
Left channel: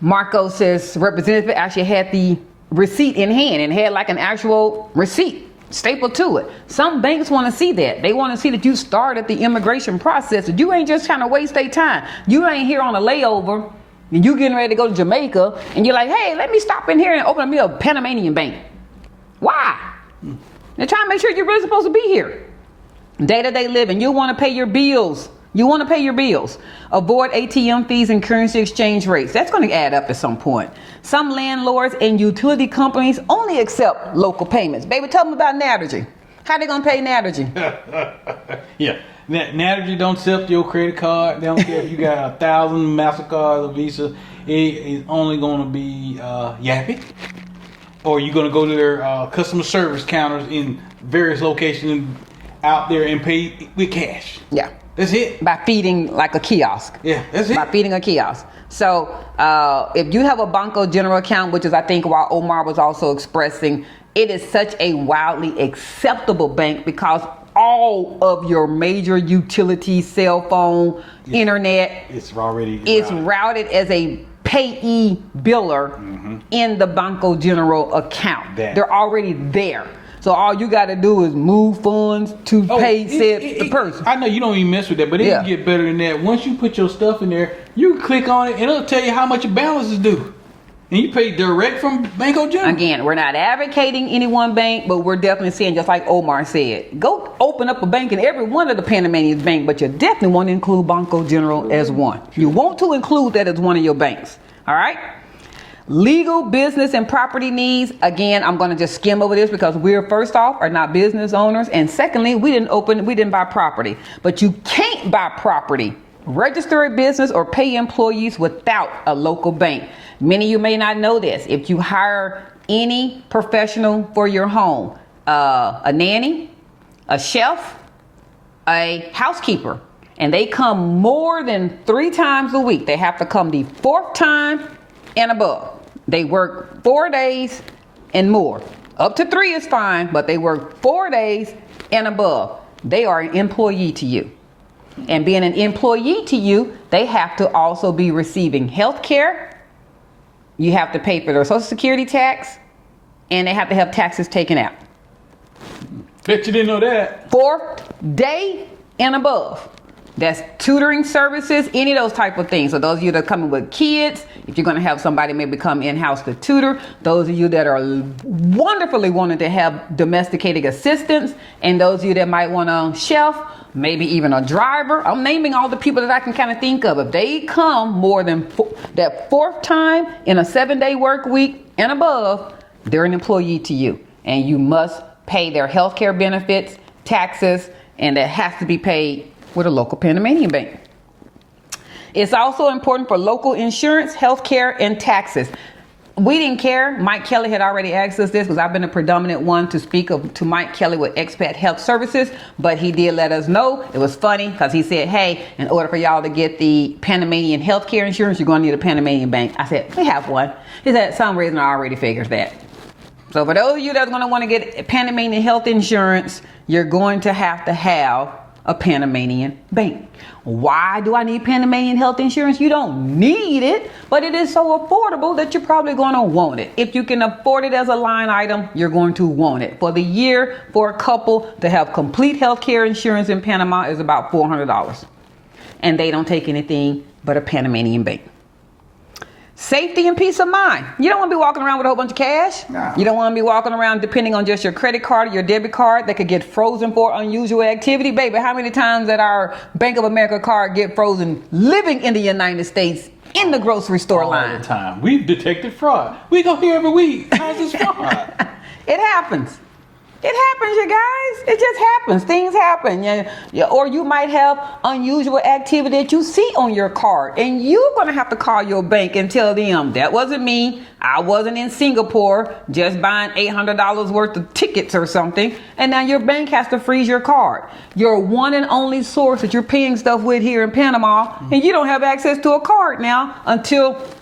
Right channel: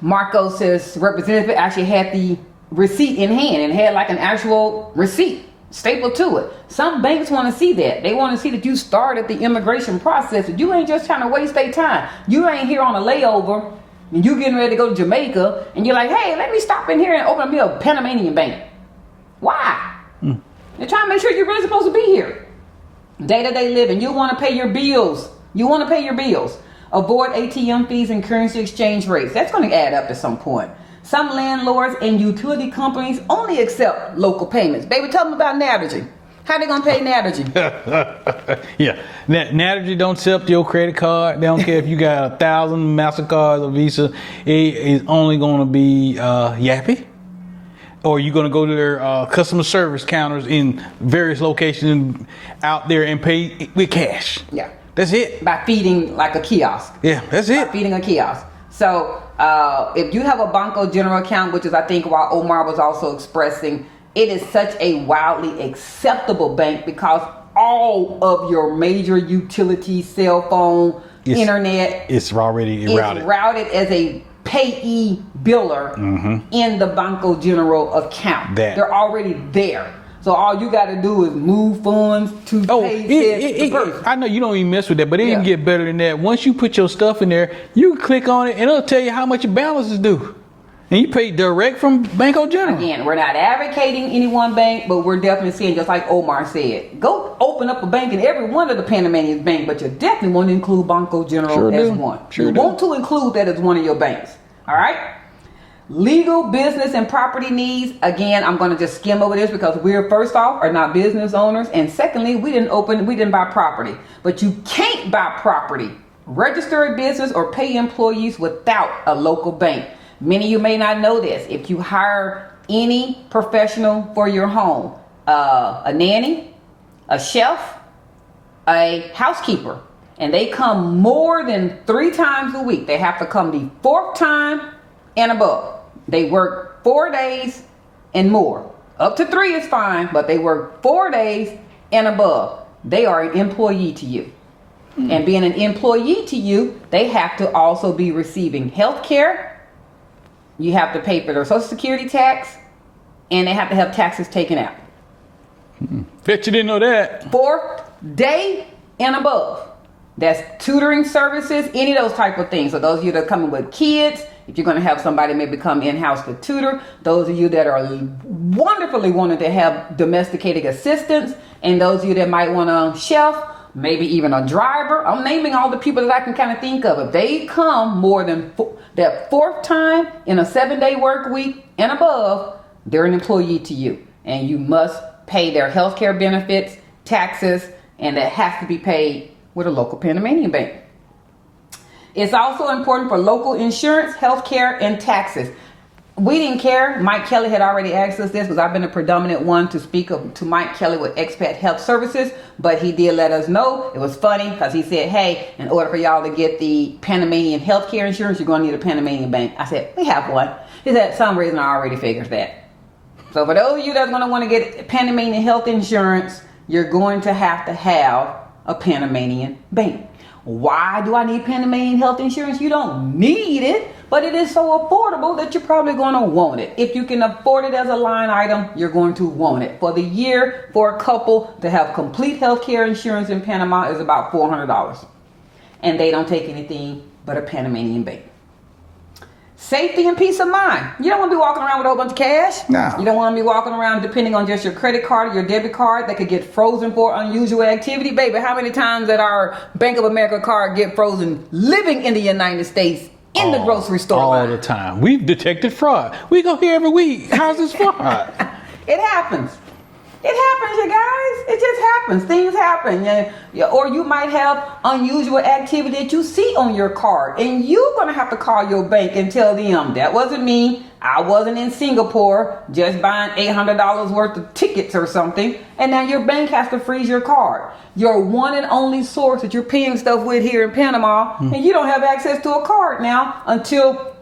Marcos's representative actually had the receipt in hand and had like an actual receipt stapled to it. Some banks want to see that. They want to see that you started the immigration process. And you ain't just trying to waste their time. You ain't here on a layover and you getting ready to go to Jamaica and you're like, hey, let me stop in here and open me a Panamanian bank. Why? They're trying to make sure you're really supposed to be here. Day-to-day living. You want to pay your bills. Avoid ATM fees and currency exchange rates. That's going to add up at some point. Some landlords and utility companies only accept local payments. Baby, tell them about Navigy. How they gonna pay Naturgy? Yeah, Naturgy don't accept your credit card. They don't care if you got 1,000 MasterCards or Visa. It is only going to be Yappy, or you're going to go to their customer service counters in various locations out there and pay with cash. Yeah, that's it. By feeding like a kiosk. Yeah, that's By it. feeding a kiosk. So if you have a Banco General account, which is I think why Omar was also expressing, it is such a wildly acceptable bank because all of your major utilities, cell phone, internet, it's already routed as a payee biller in the Banco General account. They're already there. So all you got to do is move funds to pay the person. I know you don't even mess with that, but it can get better than that. Once you put your stuff in there, you can click on it and it'll tell you how much your balance is due. And you pay direct from Banco General. Again, we're not advocating any one bank, but we're definitely saying, just like Omar said, go open up a bank in every one of the Panamanian banks, but you definitely want to include Banco General as one. You want to include that as one of your banks. All right? Legal, business, and property needs. Again, I'm going to just skim over this because we're, first off, are not business owners. And secondly, we didn't buy property. But you can't buy property, register a business, or pay employees without a local bank. Many of you may not know this. If you hire any professional for your home, a nanny, a chef, a housekeeper, and they come more than 3 times a week, they have to come the 4th time and above. They work 4 days and more. Up to 3 is fine, but they work 4 days and above. They are an employee to you. And being an employee to you, they have to also be receiving health care. You have to pay for their Social Security tax, and they have to have taxes taken out. Bet you didn't know that. 4th day and above. That's tutoring services, any of those type of things. So those of you that are coming with kids, if you're going to have somebody maybe come in-house to tutor, those of you that are wonderfully wanting to have domesticating assistants, and those of you that might want a chef, maybe even a driver. I'm naming all the people that I can kind of think of. If they come more than that 4th time in a 7-day work week and above, they're an employee to you. And you must pay their health care benefits, taxes, and that has to be paid with a local Panamanian bank. It's also important for local insurance, health care, and taxes. We didn't care. Mike Kelly had already asked us this because I've been a predominant one to speak to Mike Kelly with Expat Health Services, but he did let us know. It was funny because he said, hey, in order for y'all to get the Panamanian healthcare insurance, you're going to need a Panamanian bank. I said, we have one. He said, some reason I already figured that. So for those of you that's going to want to get Panamanian health insurance, you're going to have a Panamanian bank. Why do I need Panamanian health insurance? You don't need it, but it is so affordable that you're probably going to want it. If you can afford it as a line item, you're going to want it. For the year, for a couple to have complete health care insurance in Panama is about $400. And they don't take anything but a Panamanian bank. Safety and peace of mind. You don't want to be walking around with a whole bunch of cash. No. You don't want to be walking around depending on just your credit card or your debit card that could get frozen for unusual activity. Baby, how many times did our Bank of America card get frozen living in the United States in the grocery store line? All the time. We've detected fraud. We go here every week. How's this fraud? It happens. It happens, you guys. It just happens. Things happen. Yeah. Or you might have unusual activity that you see on your card, and you're going to have to call your bank and tell them, that wasn't me. I wasn't in Singapore just buying $800 worth of tickets or something, and now your bank has to freeze your card. Your one and only source that you're paying stuff with here in Panama, and you don't have access to a card now until,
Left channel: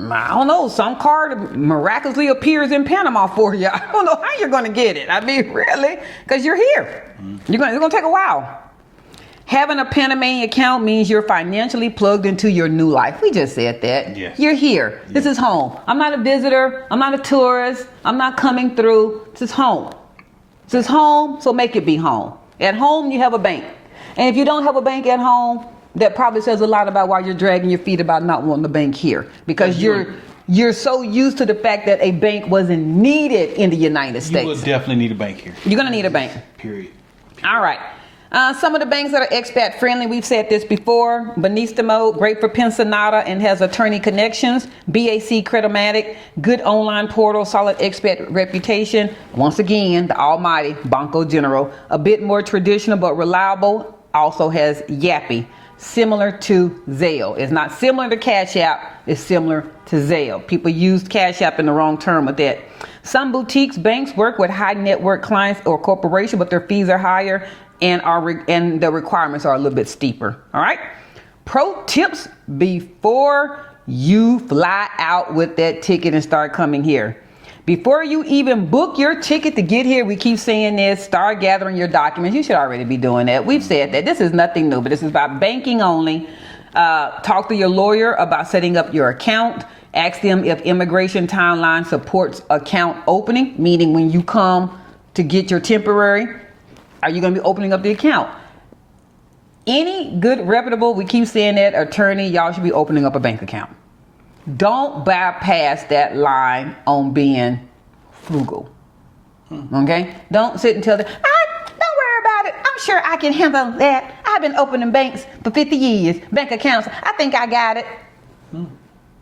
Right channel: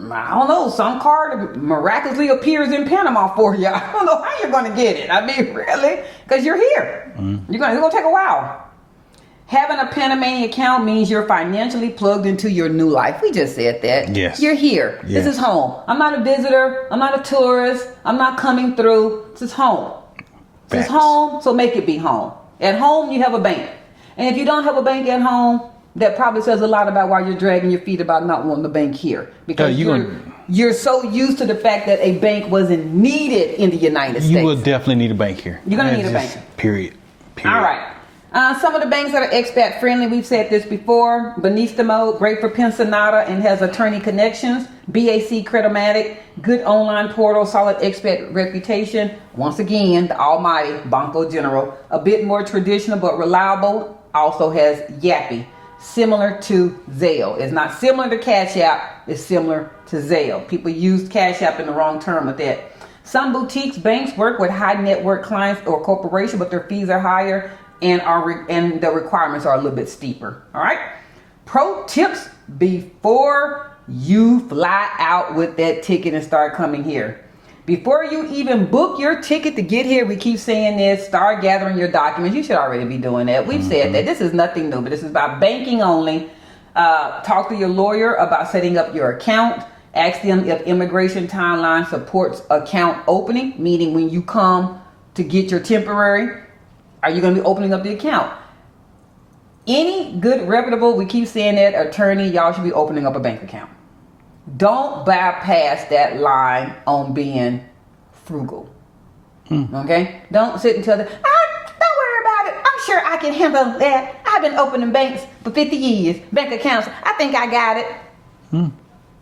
I don't know, some card miraculously appears in Panama for you. I don't know how you're going to get it. I mean, really, because you're here. It's going to take a while. Having a Panamanian account means you're financially plugged into your new life. We just said that. Yes. You're here. Yes. This is home. I'm not a visitor. I'm not a tourist. I'm not coming through. This is home. This is home, so make it be home. At home, you have a bank. And if you don't have a bank at home, that probably says a lot about why you're dragging your feet about not wanting the bank here. Because you're so used to the fact that a bank wasn't needed in the United States. You will definitely need a bank here. You're going to need a bank. Period. All right. Some of the banks that are expat friendly, we've said this before. Banistmo, great for Pensionata and has attorney connections. BAC Creditomatic, good online portal, solid expat reputation. Once again, the almighty Banco General, a bit more traditional but reliable, also has Yappy, similar to Zelle. It's not similar to Cash App, it's similar to Zelle. People use Cash App in the wrong term with that. Some boutiques, banks work with high net worth clients or corporation, but their fees are higher and the requirements are a little bit steeper. All right. Pro tips before you fly out with that ticket and start coming here. Before you even book your ticket to get here, we keep saying this, start gathering your documents. You should already be doing that. We've said that. This is nothing new, but this is about banking only. Talk to your lawyer about setting up your account. Ask them if immigration timeline supports account opening, meaning when you come to get your temporary, are you going to be opening up the account? Any good, reputable, we keep saying that, attorney, y'all should be opening up a bank account. Don't bypass that line on being frugal. Okay? Don't sit and tell them, don't worry about it. I'm sure I can handle that. I've been opening banks for 50 years, bank accounts. I think I got it.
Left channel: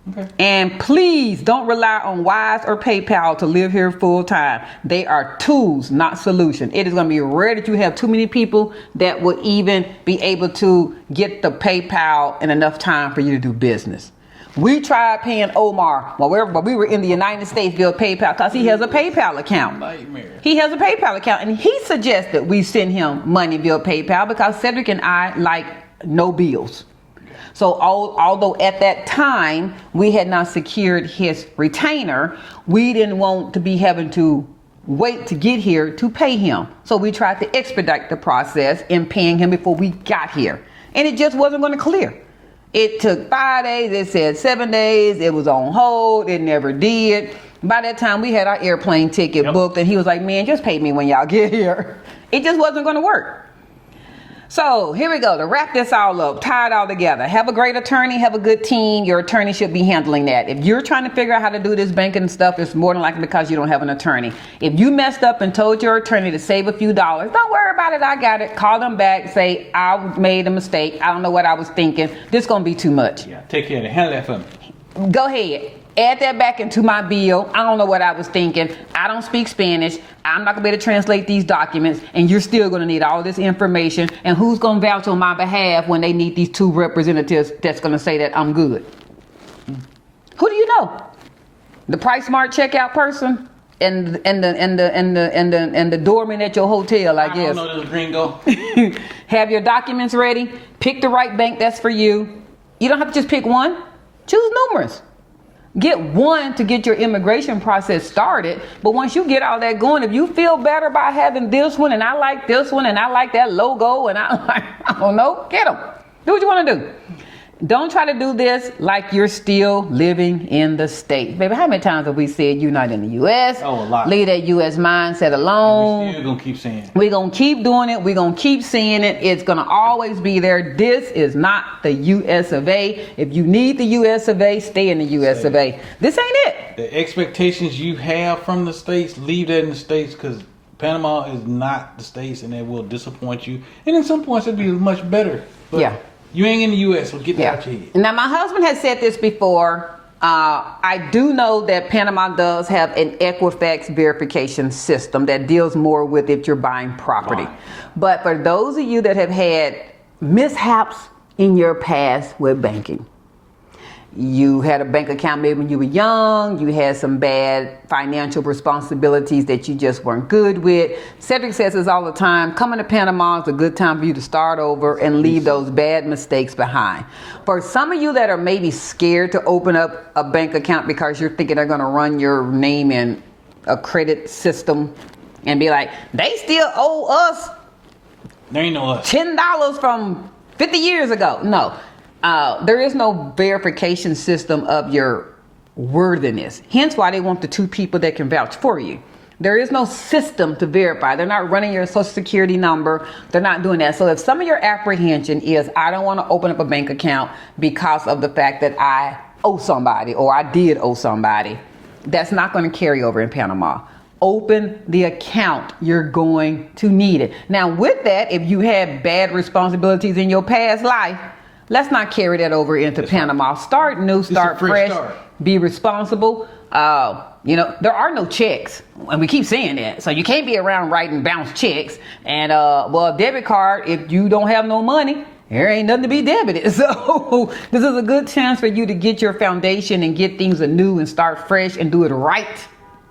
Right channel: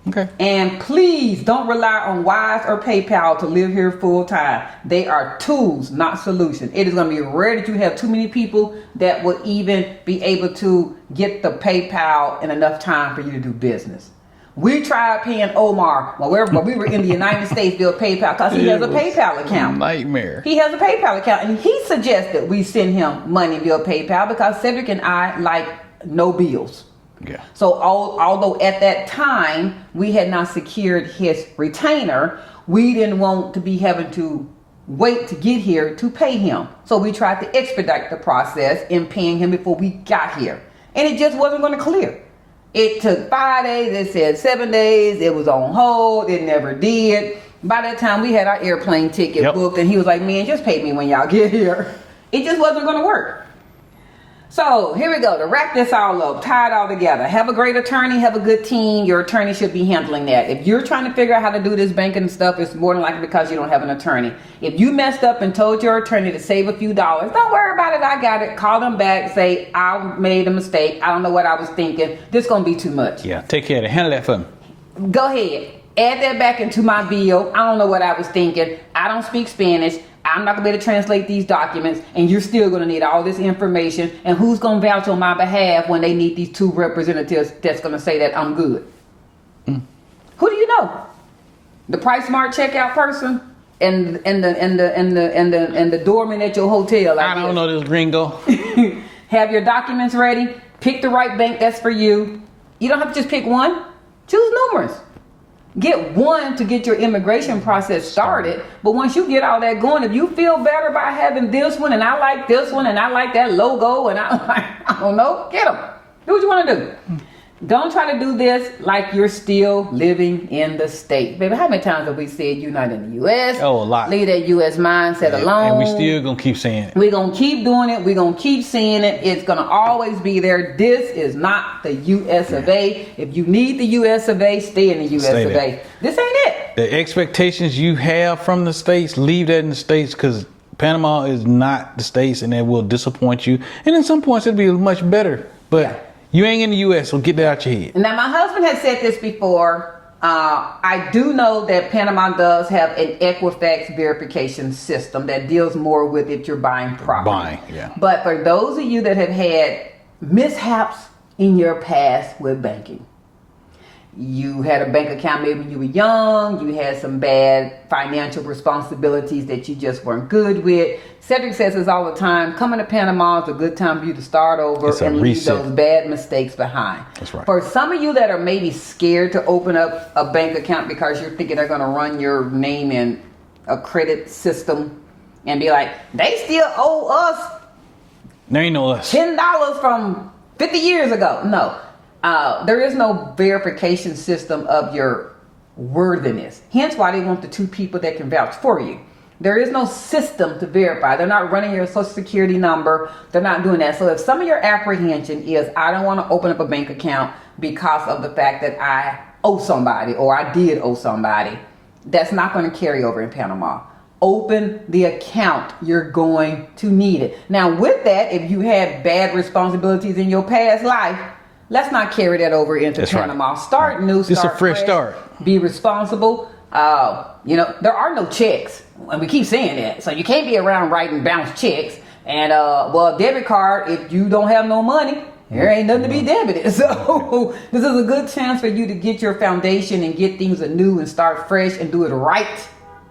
Okay. And please don't rely on Wise or PayPal to live here full time. They are tools, not solution. It is going to be rare that you have too many people that will even be able to get the PayPal in enough time for you to do business. We tried paying Omar while we were in the United States via PayPal because he has a PayPal account. Nightmare. He has a PayPal account, and he suggested we send him money via PayPal because Cedric and I like no bills. Yeah. So although at that time we had not secured his retainer, we didn't want to be having to wait to get here to pay him. So we tried to expedite the process in paying him before we got here. And it just wasn't going to clear. It took 5 days, it said 7 days, it was on hold, it never did. By that time we had our airplane ticket booked and he was like, man, just pay me when y'all get here. It just wasn't going to work. So here we go. To wrap this all up, tie it all together. Have a great attorney, have a good team. Your attorney should be handling that. If you're trying to figure out how to do this banking stuff, it's more than likely because you don't have an attorney. If you messed up and told your attorney to save a few dollars, don't worry about it. I got it. Call them back. Say, I made a mistake. I don't know what I was thinking. This is going to be too much. Yeah, take care of it. Handle that for me. Go ahead. Add that back into my bill. I don't know what I was thinking. I don't speak Spanish. I'm not going to be able to translate these documents. And you're still going to need all this information. And who's going to vouch on my behalf when they need these 2 representatives that's going to say that I'm good? Who do you know? The Price Smart checkout person and the doorman at your hotel. I don't know this gringo. Have your documents ready. Pick the right bank that's for you. You don't have to just pick one. Choose numerous. Get one to get your immigration process started. But once you get all that going, if you feel better by having this one, and I like this one, and I like that logo, and I don't know, get them. Do what you want to do. Don't try to do this like you're still living in the States. Baby, how many times have we said you're not in the U.S.? Oh, a lot. Leave that U.S. mindset alone. And we still going to keep saying it. We're going to keep doing it. We're going to keep seeing it. It's going to always be there. This is not the U.S. of A. If you need the U.S. of A, stay in the U.S. of A. This ain't it. The expectations you have from the States, leave that in the States because Panama is not the States and it will disappoint you. And in some points, it'll be much better. But yeah. You ain't in the U.S., so get that out your head. Now, my husband has said this before. I do know that Panama does have an Equifax verification system that deals more with if you're buying property. But for those of you that have had mishaps in your past with banking, you had a bank account maybe when you were young, you had some bad financial responsibilities that you just weren't good with. Cedric says this all the time, coming to Panama is a good time for you to start over and leave those bad mistakes behind. That's right. For some of you that are maybe scared to open up a bank account because you're thinking they're going to run your name in a credit system and be like, they still owe us There ain't no us. $10 from 50 years ago. No. There is no verification system of your worthiness. Hence why they want the 2 people that can vouch for you. There is no system to verify. They're not running your social security number. They're not doing that. So if some of your apprehension is, I don't want to open up a bank account because of the fact that I owe somebody or I did owe somebody, that's not going to carry over in Panama. open the account. You're going to need it. Now, with that, if you had bad responsibilities in your past life, let's not carry that over into Panama. Right. Start new, start a fresh start. Be responsible. There are no checks, and we keep saying that. So you can't be around writing bounce checks. And debit card, if you don't have no money, there ain't nothing to be debited. So this is a good chance for you to get your foundation and get things anew and start fresh and do it right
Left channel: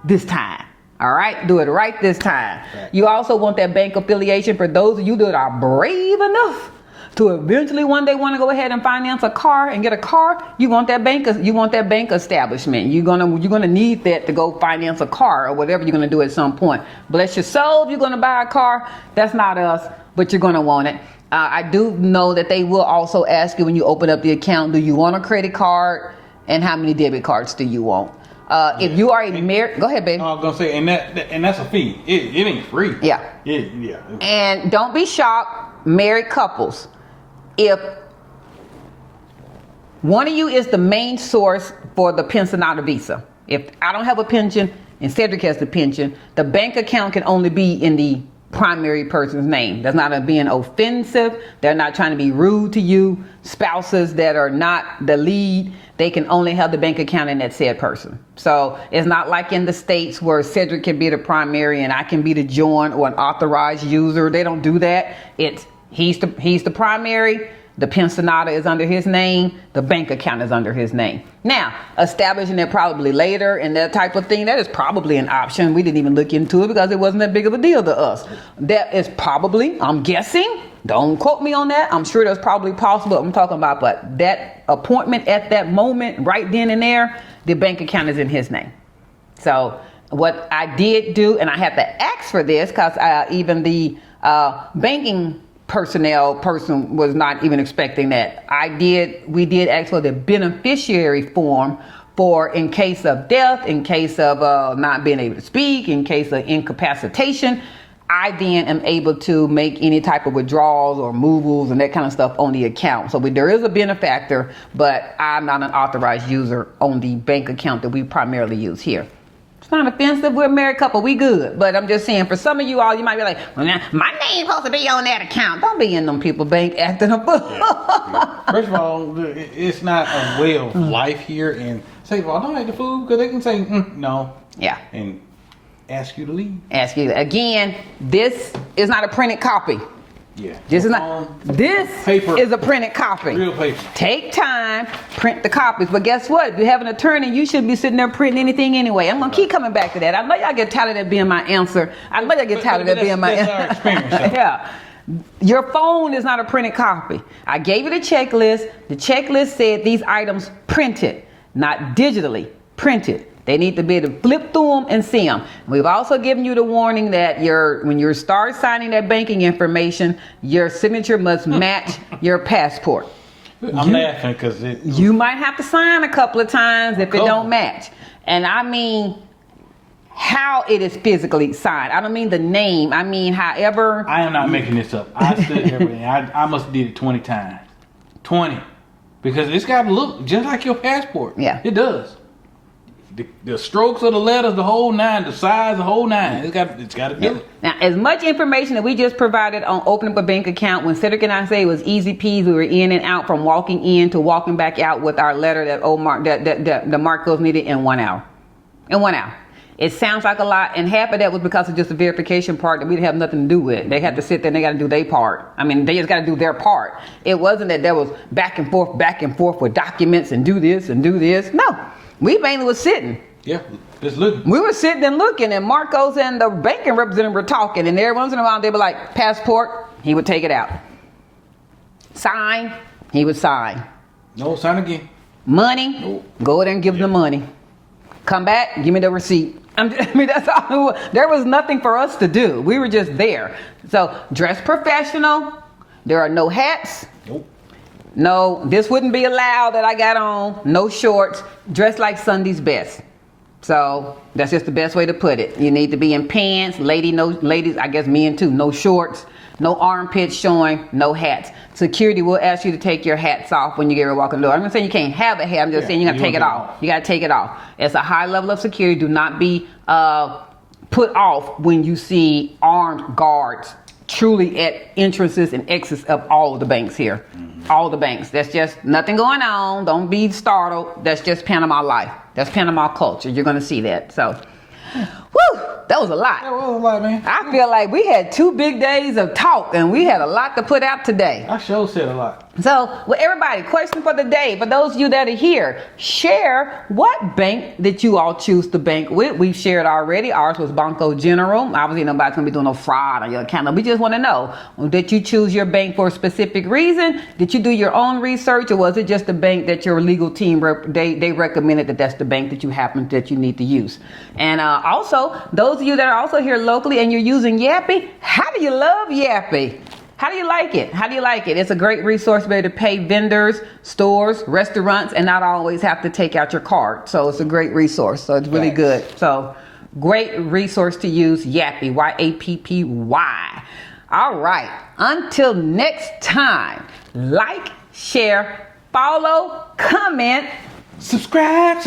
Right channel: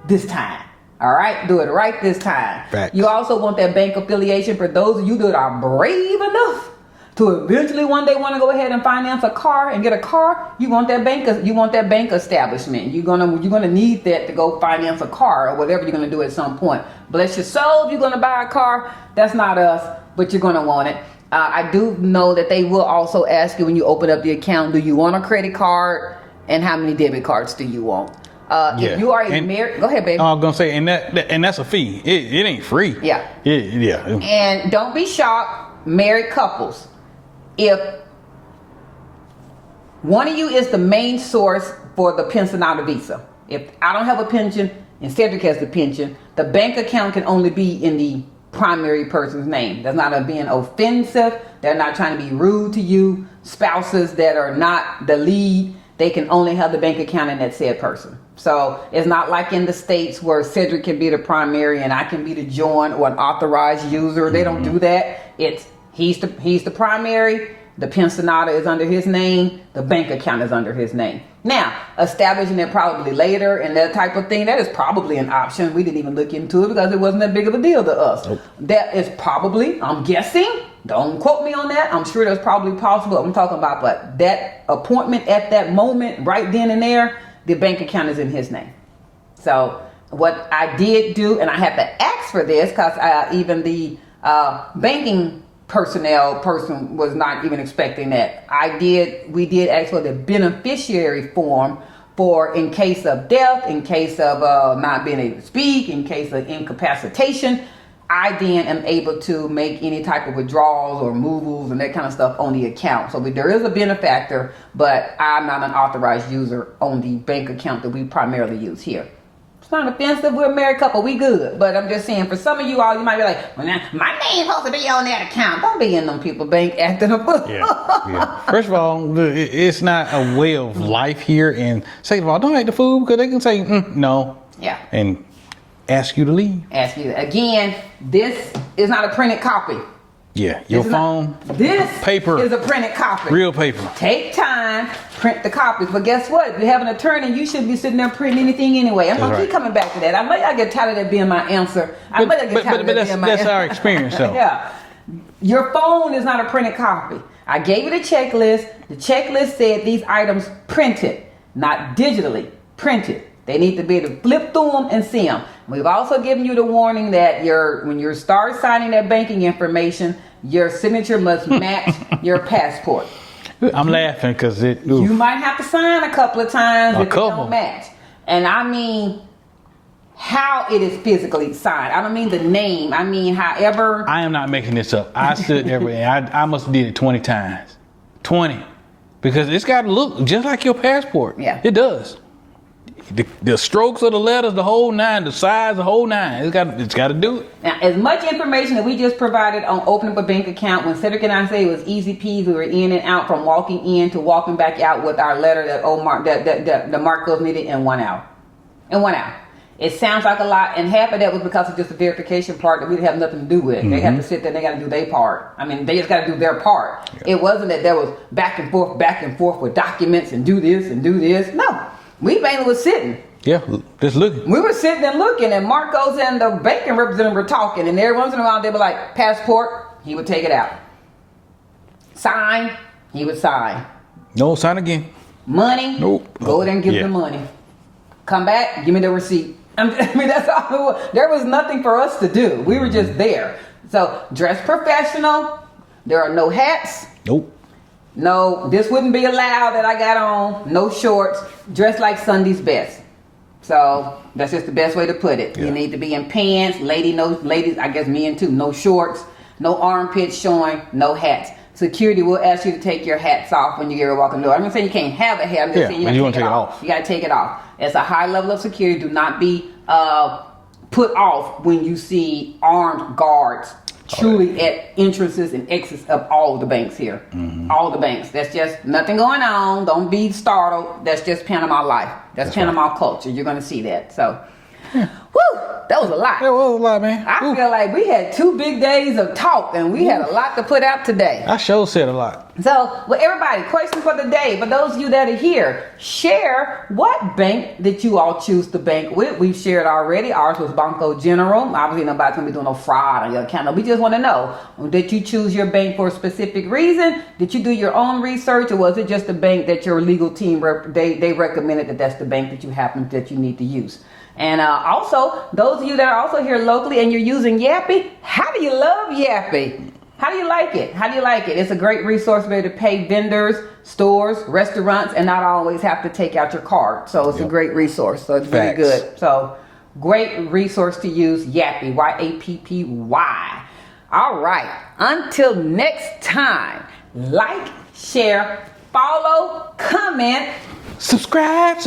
this time. All right, do it right this time. Facts. You also want that bank affiliation for those of you that are brave enough to eventually one day want to go ahead and finance a car and get a car. You want that bank. You want that bank establishment. You're gonna need that to go finance a car or whatever you're gonna do at some point. Bless your soul, if you're gonna buy a car. That's not us, but you're gonna want it. I do know that they will also ask you when you open up the account, do you want a credit card and how many debit cards do you want? If you are married, go ahead, baby. I was gonna say, and that's a fee. It ain't free. Yeah. Yeah. And don't be shocked, married couples, if one of you is the main source for the pensionado visa. If I don't have a pension and Cedric has the pension, the bank account can only be in the primary person's name. That's not being offensive. They're not trying to be rude to you. Spouses that are not the lead, they can only have the bank account in that said person. So it's not like in the States where Cedric can be the primary and I can be the joint or an authorized user. They don't do that. It's he's the primary. The pensionado is under his name. The bank account is under his name. Now, establishing it probably later and that type of thing, that is probably an option. We didn't even look into it because it wasn't that big of a deal to us. Nope. That is probably, I'm guessing, don't quote me on that. I'm sure that's probably possible. I'm talking about, but that appointment at that moment, right then and there, the bank account is in his name. So what I did do, and I have to ask for this because even the banking person was not even expecting that. We did ask for the beneficiary form for in case of death, in case of not being able to speak, in case of incapacitation. I then am able to make any type of withdrawals or removals and that kind of stuff on the account. So there is a benefactor, but I'm not an authorized user on the bank account that we primarily use here. It's not offensive. We're a married couple. We good. But I'm just saying, for some of you all, you might be like, well, now, my name's supposed to be on that account. Don't be in them people bank acting a fool. Yeah. First of all, it's not a way of life here. And second of all, don't act the fool because they can say, no. Yeah. And ask you to leave. Ask you. Again, this is not a printed copy. Yeah. This paper is a printed copy. Real paper. Take time, print the copies. But guess what? If you have an attorney, you shouldn't be sitting there printing anything anyway. I'm going to keep coming back to that. I know y'all get tired of that being my answer. I know y'all get tired of that being my answer. That's our experience, though. Yeah. Your phone is not a printed copy. I gave it a checklist. The checklist said these items printed, not digitally, printed. They need to be able to flip through them and see them. We've also given you the warning that when you start signing that banking information, your signature must match your passport. I'm laughing because you might have to sign a couple of times if it don't match. And I mean how it is physically signed. I don't mean the name. I mean however. I am not making this up. I stood everywhere. I must have did it 20 times. 20. Because it's got to look just like your passport. Yeah. It does. The strokes of the letters, the whole nine, the size, the whole nine. It's got to do it. Now, as much information that we just provided on opening up a bank account, when Cedric and I say it was easy peasy, we were in and out from walking in to walking back out with our letter that the Marcos needed in 1 hour. In 1 hour. It sounds like a lot, and half of that was because of just the verification part that we have nothing to do with. Mm-hmm. They got to sit there and they got to do their part. I mean, they just got to do their part. Yeah. It wasn't that there was back and forth with documents and do this and do this. No. We mainly was sitting. Yeah, just looking. We were sitting and looking, and Marcos and the banking representative were talking, and every once in a while they were like, passport, he would take it out. Sign, he would sign. No, sign again. Money, nope. Go there and give him the money. Come back, give me the receipt. I mean, that's all it was. There was nothing for us to do. We were just there. So, dress professional. There are no hats. Nope. No, this wouldn't be allowed that I got on. No shorts. Dress like Sunday's best. So that's just the best way to put it. Yeah. You need to be in pants. Ladies, I guess men too. No shorts. No armpits showing. No hats. Security will ask you to take your hats off when you get ready to walk in the door. I'm not saying you can't have a hat. I'm just saying you got to take it off. You got to take it off. It's a high level of security. Do not be put off when you see armed guards truly at entrances and exits of all of the banks here. All the banks. That's just nothing going on. Don't be startled. That's just Panama life. That's Panama culture. You're going to see that. So, whew, that was a lot. That was a lot, man. I feel like we had 2 big days of talk and we had a lot to put out today. I sure said a lot. So, well, everybody, question for the day. For those of you that are here, share what bank that you all choose to bank with. We've shared already. Ours was Banco General. Obviously, nobody's going to be doing no fraud on your account. We just want to know, did you choose your bank for a specific reason? Did you do your own research, or was it just the bank that your legal team, they recommended that that's the bank that you need to use? And also, those of you that are also here locally and you're using Yappy, how do you love Yappy? How do you like it? How do you like it? It's a great resource to be able to pay vendors, stores, restaurants, and not always have to take out your card. So it's a great resource. So it's really good. So great resource to use, Yappy, Y-A-P-P-Y. All right. Until next time, like, share, follow, comment, Subscribe.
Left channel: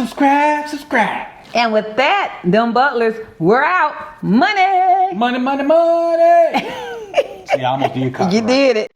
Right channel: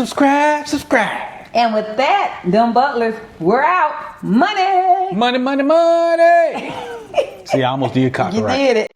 and with that, them butlers, we're out. Money. Money. See, I almost did copyright. You did it.